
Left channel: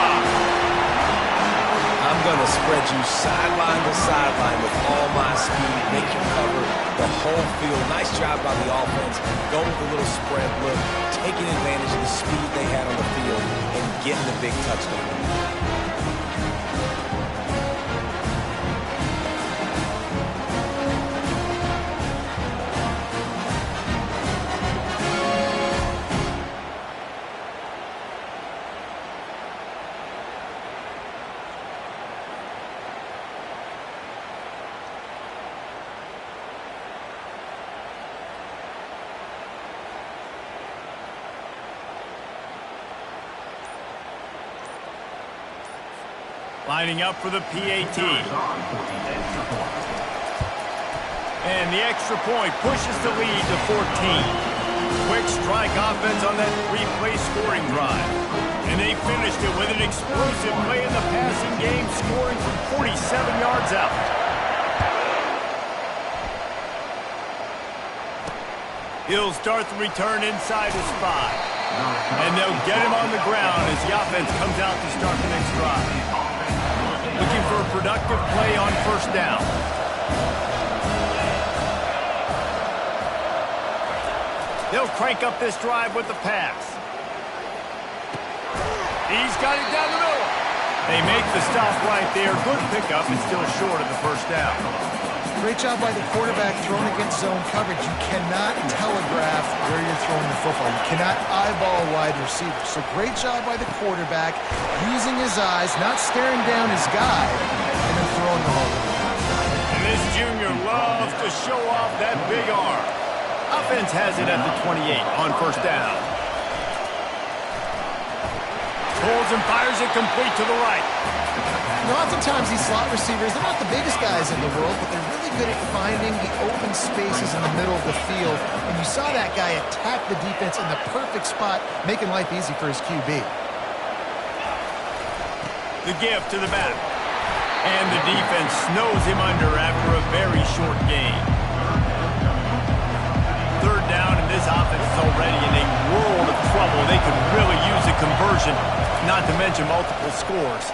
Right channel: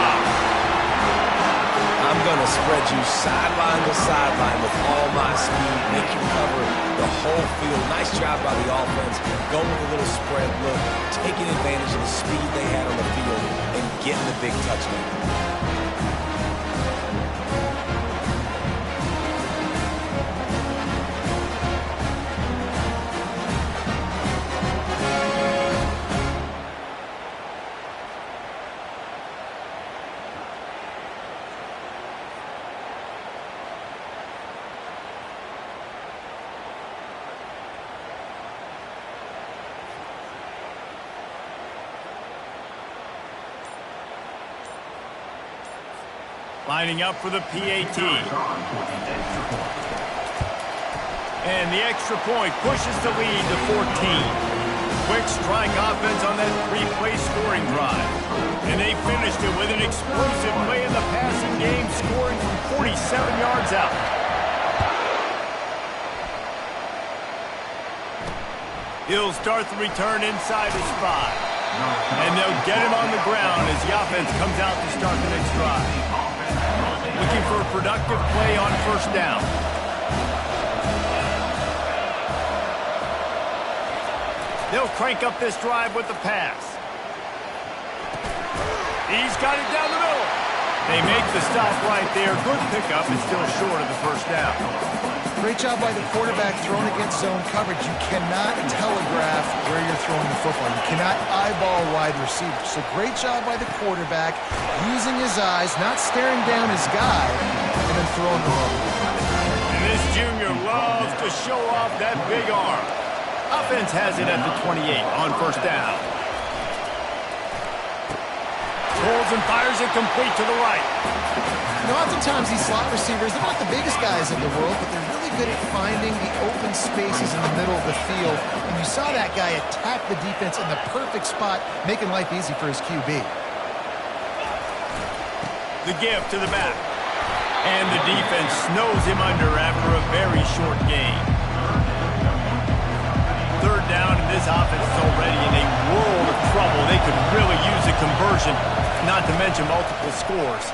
I'm going to spread you sideline to sideline with all my speed, make you cover the whole field. Nice job by the offense, going with a little spread look, taking advantage of the speed they had on the field, and getting the big touchdown. Lining up for the PAT. And the extra point pushes the lead to 14. Quick strike offense on that 3-play scoring drive. And they finished it with an explosive play in the passing game, scoring from 47 yards out. He'll start the return inside his 5. And they'll get him on the ground as the offense comes out to start the next drive. Looking for a productive play on 1st down. They'll crank up this drive with the pass. He's got it down the middle. They make the stop right there. Good pickup. It's still short of the 1st down. Great job by the quarterback throwing against zone coverage. You cannot telegraph where you're throwing the football. You cannot eyeball a wide receiver. So great job by the quarterback using his eyes, not staring down his guy, and then throwing the ball. And this junior loves to show off that big arm. Offense has it at the 28 on 1st down. Pulls and fires it complete to the right. You know, oftentimes these slot receivers, they're not the biggest guys in the world, but they're really good at finding the open spaces in the middle of the field. And you saw that guy attack the defense in the perfect spot, making life easy for his QB. The give to the back. And the defense snows him under after a very short gain. Third down, and this offense is already in a world of trouble. They could really use a conversion, not to mention multiple scores.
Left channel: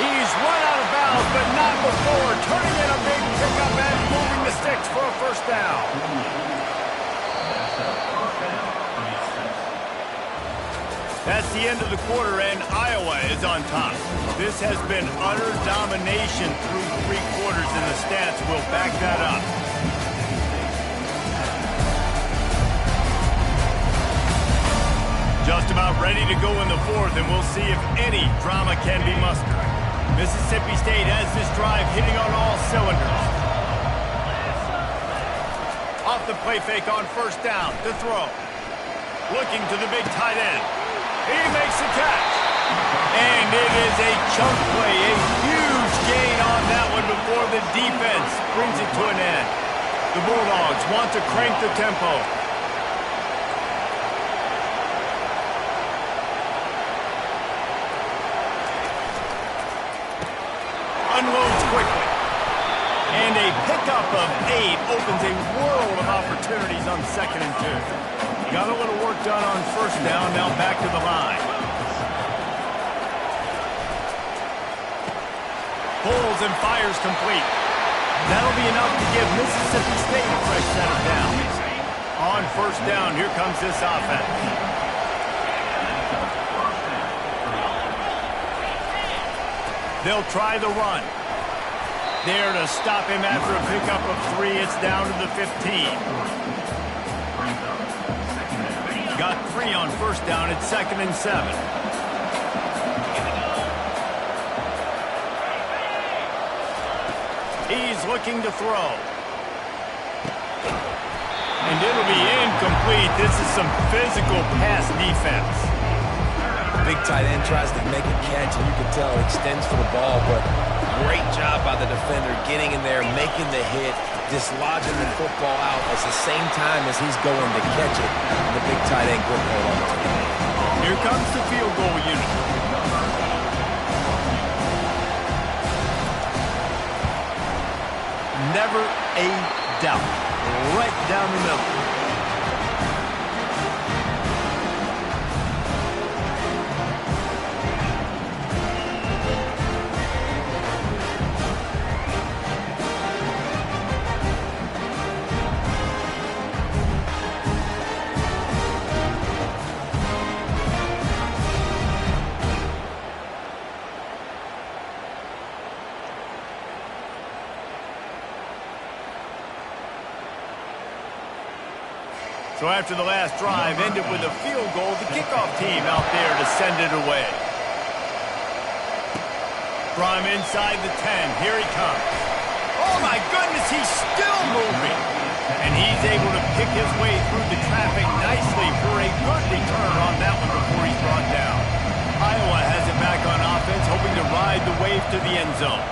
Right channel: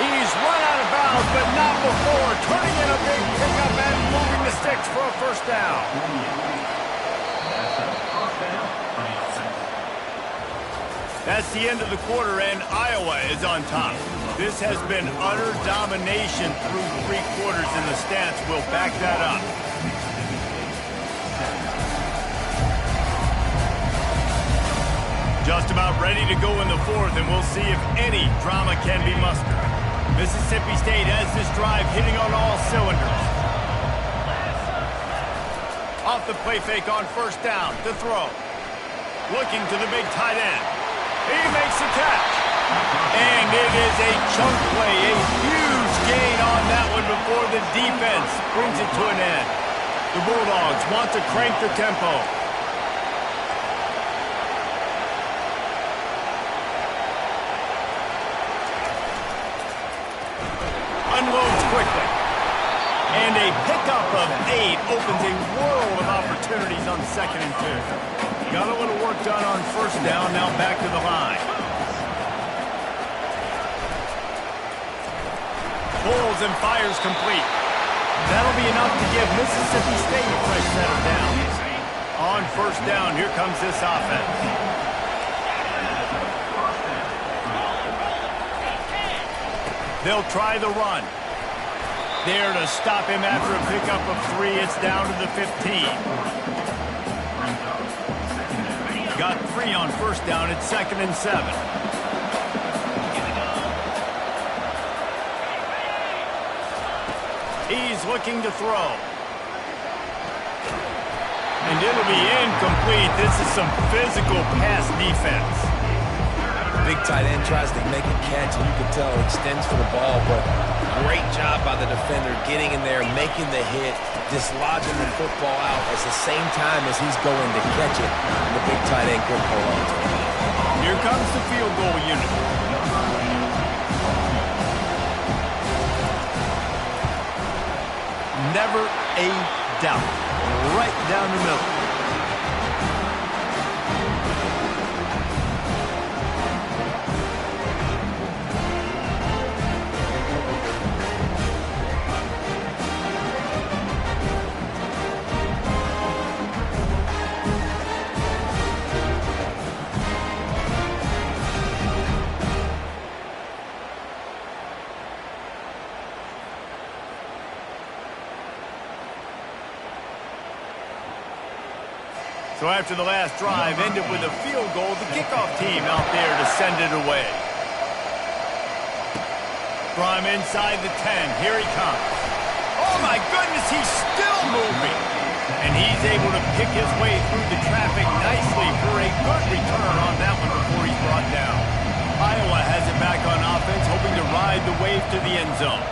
He's run out of bounds, but not before turning in a big pickup and moving the sticks for a first down. That's the end of the quarter, and Iowa is on top. This has been utter domination through 3 quarters, and the stats will back that up. Just about ready to go in the 4th, and we'll see if any drama can be mustered. Mississippi State has this drive hitting on all cylinders. Off the play fake on first down to throw. Looking to the big tight end. He makes the catch. And it is a chunk play, a huge gain on that one before the defense brings it to an end. The Bulldogs want to crank the tempo. Unloads quickly. And a pickup of 8 opens a world of opportunities on 2nd and 2. Got a little work done on first down, now back to the line. Pulls and fires complete. That'll be enough to give Mississippi State a fresh set of downs. On first down, here comes this offense. They'll try the run. There to stop him after a pickup of 3. It's down to the 15. Got 3 on first down. It's 2nd and 7. He's looking to throw. And it'll be incomplete. This is some physical pass defense. Big tight end tries to make a catch, and you can tell it extends for the ball, but great job by the defender getting in there, making the hit, dislodging the football out at the same time as he's going to catch it, and the big tight end couldn't hold on to it. Here comes the field goal unit. Never a doubt. Right down the middle. So after the last drive ended with a field goal, the kickoff team out there to send it away. From inside the 10, here he comes. Oh my goodness, he's still moving. And he's able to pick his way through the traffic nicely for a good return on that one before he's brought down. Iowa has it back on offense, hoping to ride the wave to the end zone.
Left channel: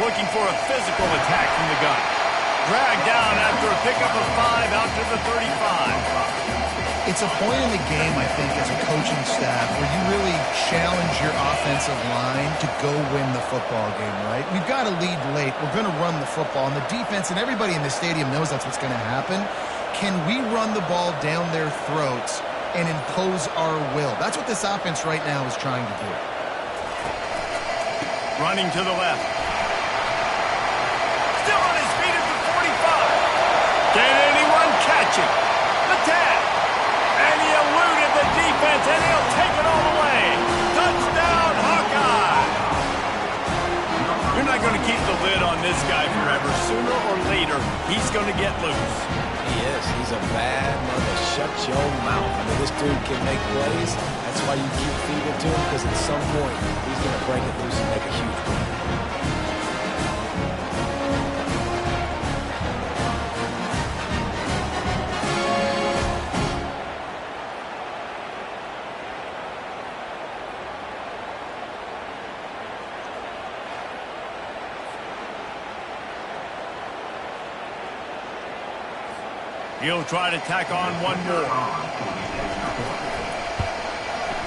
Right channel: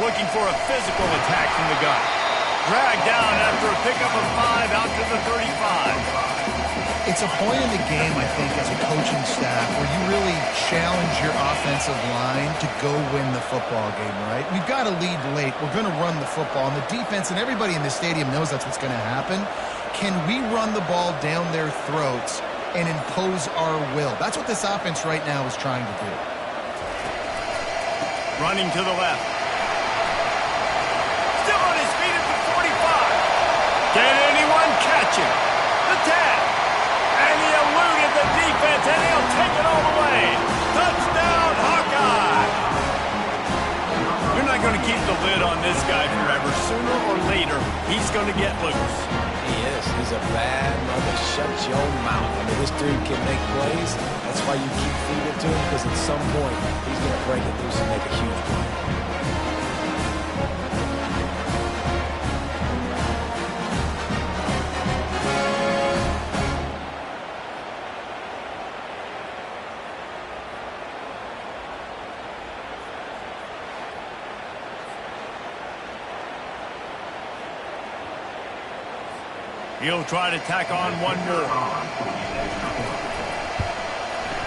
Looking for a physical attack from the gun. Dragged down after a pickup of 5 out to the 35. It's a point in the game, I think, as a coaching staff where you really challenge your offensive line to go win the football game, right? We've got to lead late. We're going to run the football. And the defense and everybody in the stadium knows that's what's going to happen. Can we run the ball down their throats and impose our will? That's what this offense right now is trying to do. Running to the left. Still on his feet at the 45. Can anyone catch him? The 10. And he eluded the defense, and he'll take it all the way. Touchdown, Hawkeye! You're not going to keep the lid on this guy forever. Sooner or later, he's going to get loose. He is. He's a bad mother. Shut your mouth. I mean, this dude can make plays. That's why you keep feeding to him, because at some point, he's going to break it loose and make a huge play. He'll try to tack on one more.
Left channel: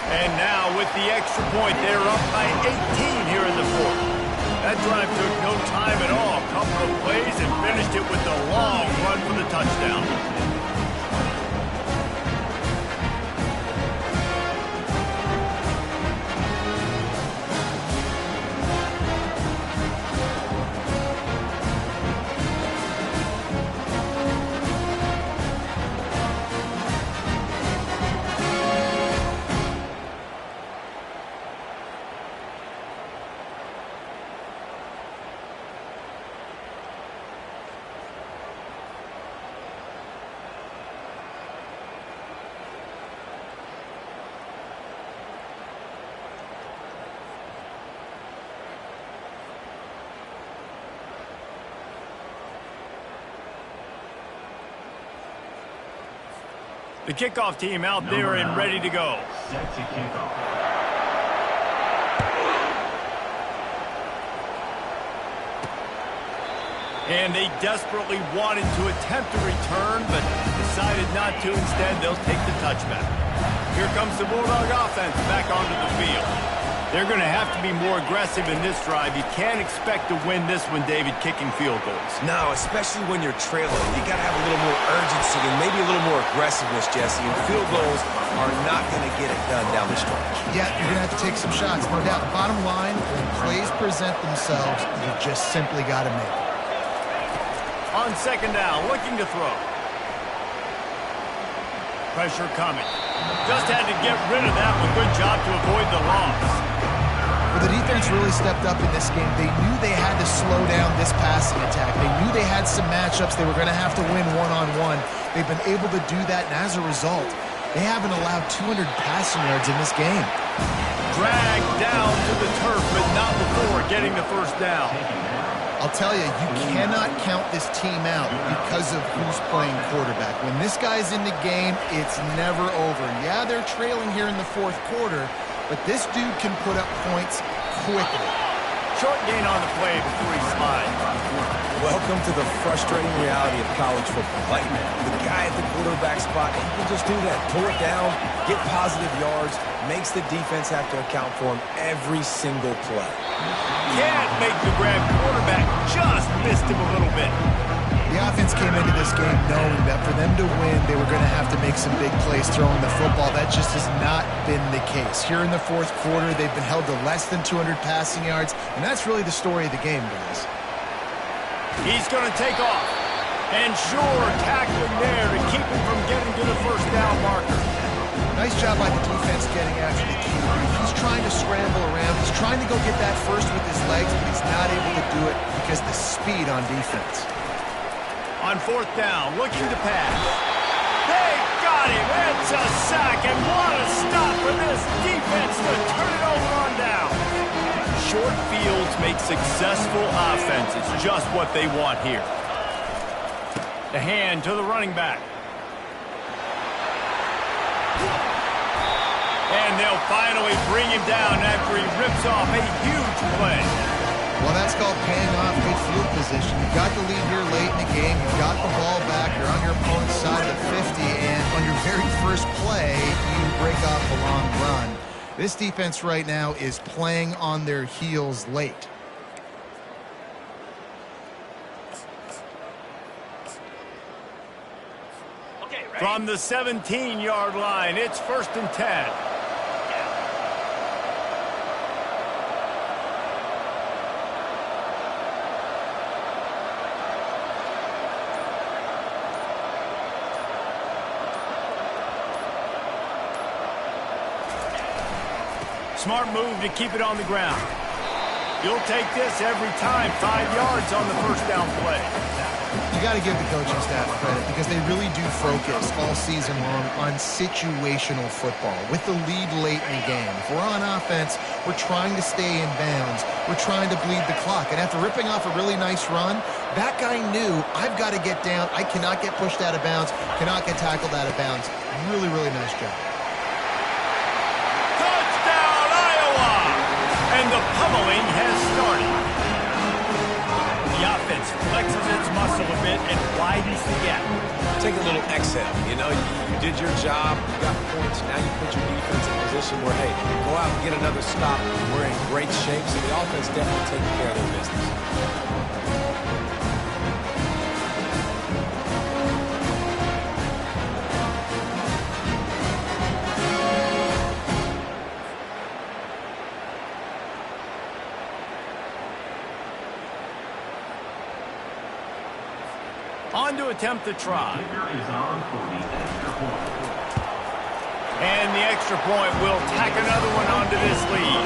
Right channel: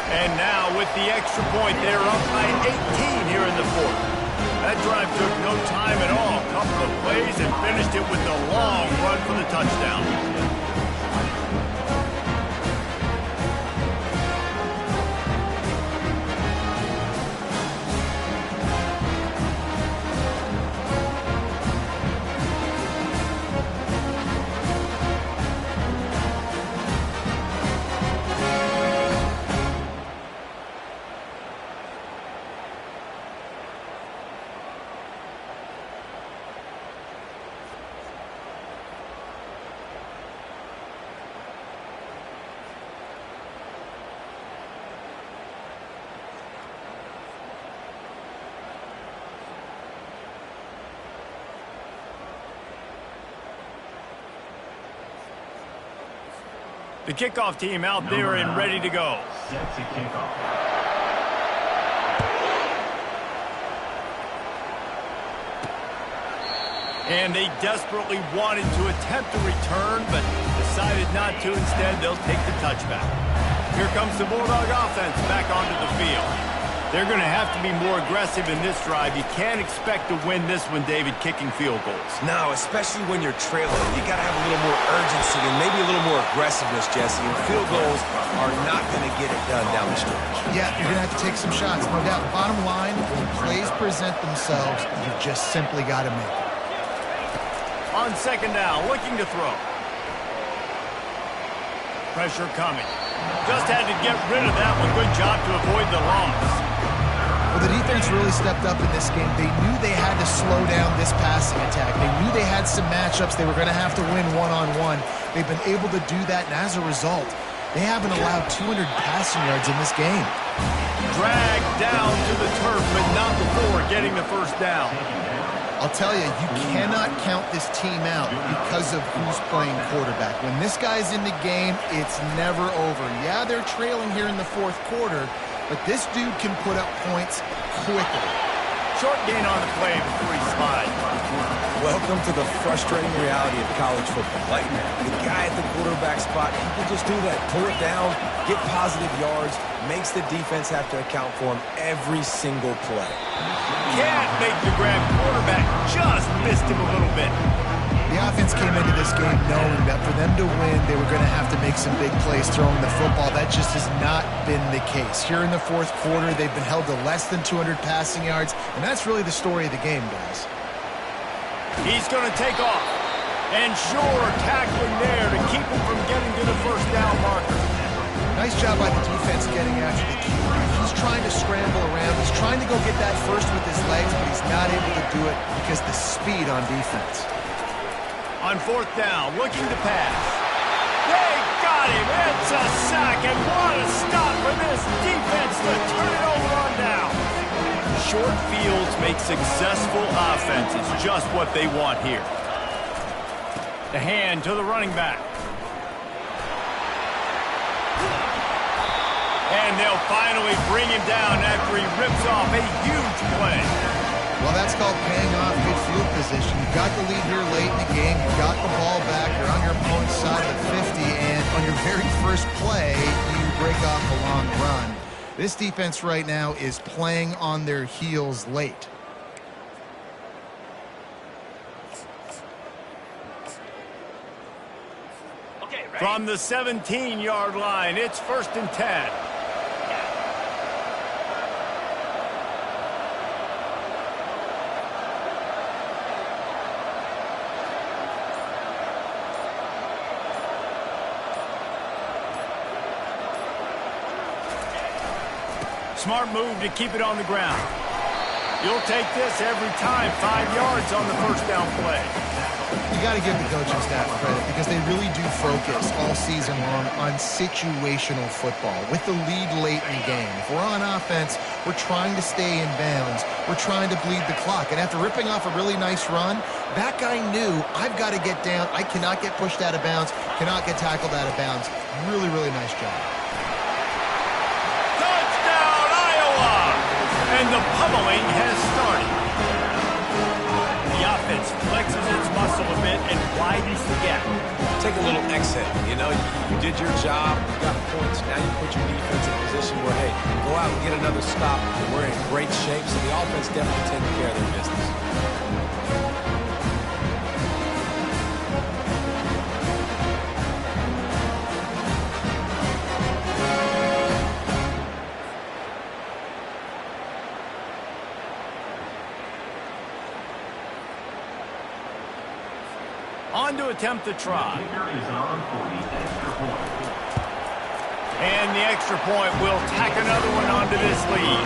And now with the extra point, they're up by 18 here in the fourth. That drive took no time at all. A couple of plays and finished it with a long run for the touchdown. The kickoff team out there and ready to go. Set to kick off. And they desperately wanted to attempt a return, but decided not to. Instead, they'll take the touchback. Here comes the Bulldog offense back onto the field. They're going to have to be more aggressive in this drive. You can't expect to win this one, David, kicking field goals. No, especially when you're trailing. You got to have a little more urgency and maybe a little more aggressiveness, Jesse. And field goals are not going to get it done down the stretch. Yeah, you're going to have to take some shots, no doubt. Bottom line, when plays present themselves, you just simply got to make it. On second down, looking to throw. Pressure coming. Just had to get rid of that one. Good job to avoid the loss. Well, the defense really stepped up in this game. They knew they had to slow down this passing attack. They knew they had some matchups they were going to have to win one-on-one. They've been able to do that, and as a result, they haven't allowed 200 passing yards in this game. Dragged down to the turf, but not before getting the first down. I'll tell you, you cannot count this team out because of who's playing quarterback. When this guy's in the game, it's never over. Yeah, they're trailing here in the fourth quarter, but this dude can put up points quickly. Short gain on the play before he slides. Welcome to the frustrating reality of college football. Like, the guy at the quarterback spot, he can just do that. Pull it down, get positive yards, makes the defense have to account for him every single play. Can't make the grab. Quarterback just missed him a little bit. The offense came into this game knowing that for them to win, they were going to have to make some big plays throwing the football. That just has not been the case. Here in the fourth quarter, they've been held to less than 200 passing yards, and that's really the story of the game, guys. He's going to take off. And sure, tackling there to keep him from getting to the first down marker. Nice job by the defense getting after the QB. He's trying to scramble around. He's trying to go get that first with his legs, but he's not able to do it because the speed on defense. On fourth down, looking to pass. They got him. It's a sack, and what a stop for this defense to turn it over on down. Short fields make successful offenses, just what they want here. The hand to the running back. And they'll finally bring him down after he rips off a huge play. Well, that's called paying off good field position. You've got the lead here late in the game. You've got the ball back. You're on your opponent's side of the 50, and on your very first play, you break off a long run. This defense right now is playing on their heels late. From the 17-yard line, it's 1st and 10. Smart move to keep it on the ground. You'll take this every time. 5 yards on the first down play. You got to give the coaching staff credit because they really do focus all season long on situational football with the lead late in the game. If we're on offense, we're trying to stay in bounds. We're trying to bleed the clock. And after ripping off a really nice run, that guy knew, I've got to get down. I cannot get pushed out of bounds, cannot get tackled out of bounds. Really, really nice job. Touchdown, Iowa! And the pummeling has started. The offense flexes its muscle a bit and widens the gap. Take a little exhale. You know, you did your job, you got points, now you put your defense in a position where, hey, go out and get another stop. We're in great shape, so the offense definitely taking care of their business. On to attempt the try. And the extra point will tack another one onto this lead.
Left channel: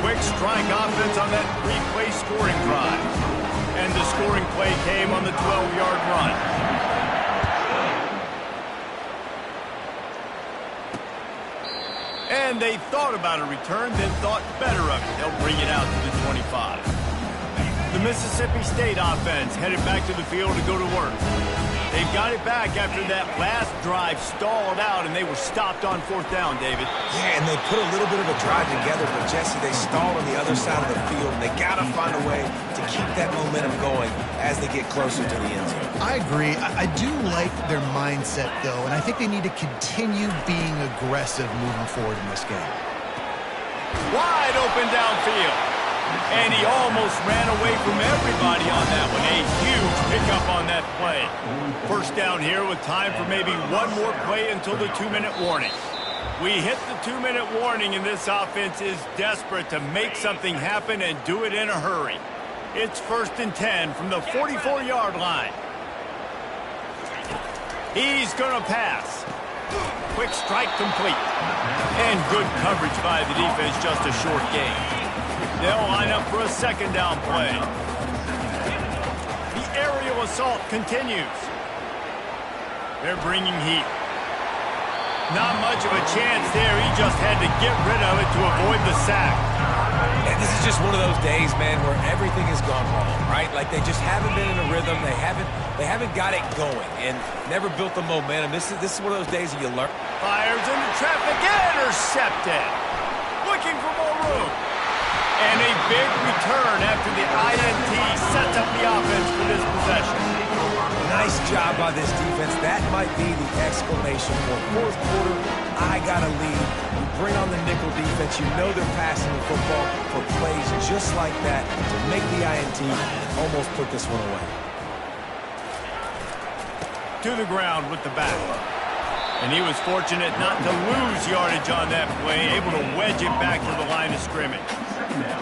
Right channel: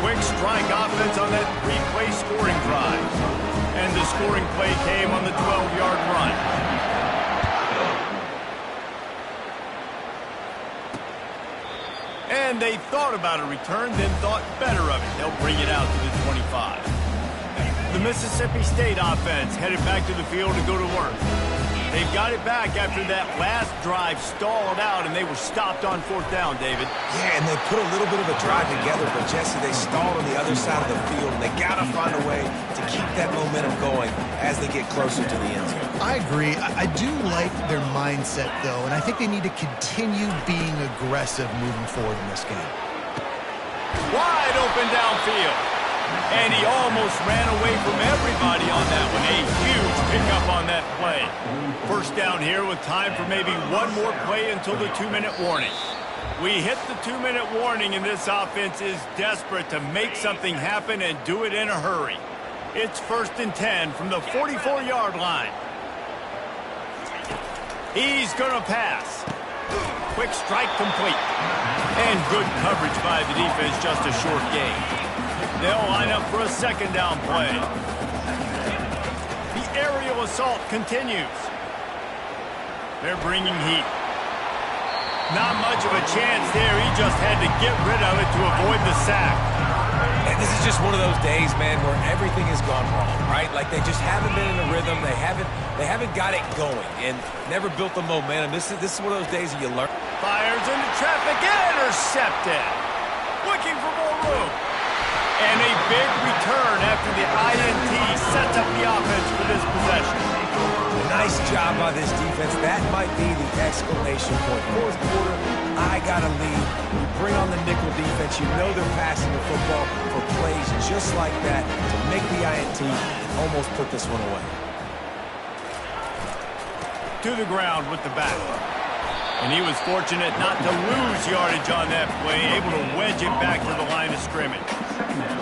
Quick strike offense on that three-play scoring drive. And the scoring play came on the 12-yard run. And they thought about a return, then thought better of it. They'll bring it out to the 25. The Mississippi State offense headed back to the field to go to work. They've got it back after that last drive stalled out, and they were stopped on fourth down, David. Yeah, and they put a little bit of a drive together, but, Jesse, they stalled on the other side of the field, and they got to find a way to keep that momentum going as they get closer to the end zone. I agree. I do like their mindset, though, and I think they need to continue being aggressive moving forward in this game. Wide open downfield. And he almost ran away from everybody on that one. A huge pickup on that play. First down here with time for maybe one more play until the 2-minute warning. We hit the 2-minute warning, and this offense is desperate to make something happen and do it in a hurry. It's 1st and 10 from the 44-yard line. He's going to pass. Quick strike complete. And good coverage by the defense, just a short gain. They'll line up for a second down play. The aerial assault continues. They're bringing heat. Not much of a chance there. He just had to get rid of it to avoid the sack. And this is just one of those days, man, where everything has gone wrong, right? Like they just haven't been in a rhythm. They haven't got it going and never built the momentum. This is one of those days that you learn. Fires into traffic, intercepted. Looking for more room. And a big return after the INT sets up the offense for this possession. Nice job by this defense. That might be the exclamation point. Fourth quarter, I got a lead. You bring on the nickel defense. You know they're passing the football for plays just like that to make the INT and almost put this one away. To the ground with the back. And he was fortunate not to lose yardage on that play, able to wedge it back to the line of scrimmage.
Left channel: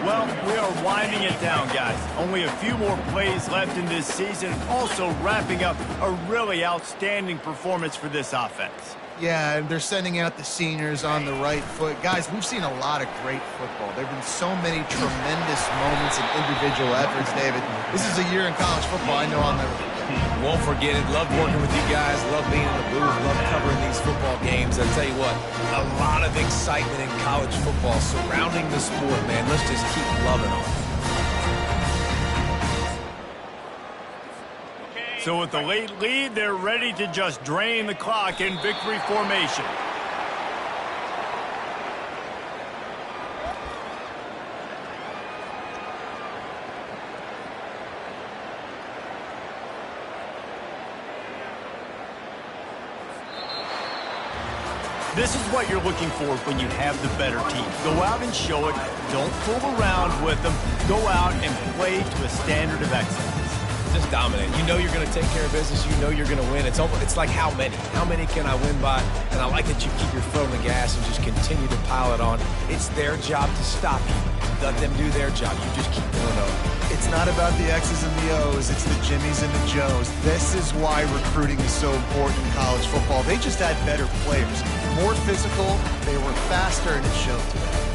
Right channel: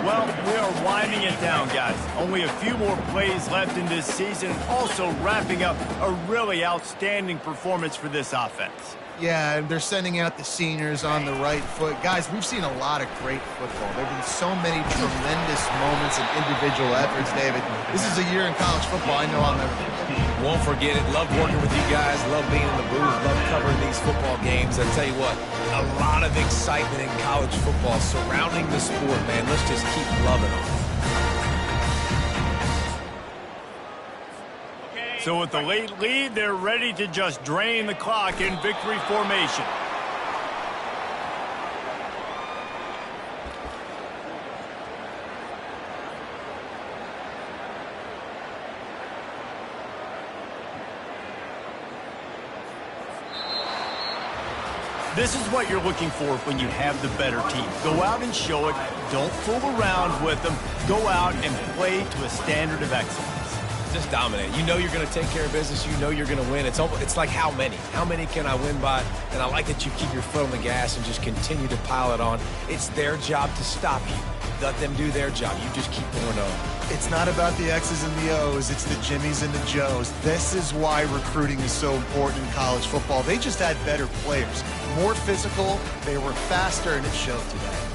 Well, we are winding it down, guys. Only a few more plays left in this season, also wrapping up a really outstanding performance for this offense. Yeah, and they're sending out the seniors on the right foot. Guys, we've seen a lot of great football. There have been so many tremendous moments and individual efforts, David. This is a year in college football I know I'll never forget. Won't forget it. Love working with you guys. Love being in the booth. Love covering these football games. I'll tell you what, a lot of excitement in college football surrounding the sport, man. Let's just keep loving on it. So with the late lead, they're ready to just drain the clock in victory formation. This is what you're looking for when you have the better team. Go out and show it. Don't fool around with them. Go out and play to a standard of excellence. Just dominate. You know you're going to take care of business. You know you're going to win. It's like how many? How many can I win by? And I like that you keep your foot on the gas and just continue to pile it on. It's their job to stop you. Let them do their job. You just keep going on. It's not about the X's and the O's. It's the Jimmies and the Joes. This is why recruiting is so important in college football. They just had better players. More physical. They were faster, and it showed today.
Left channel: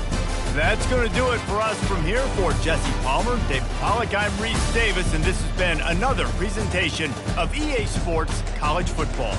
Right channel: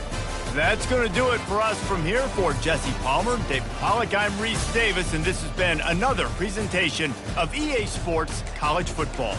That's going to do it for us from here. For Jesse Palmer, Dave Pollack, I'm Reese Davis, and this has been another presentation of EA Sports College Football.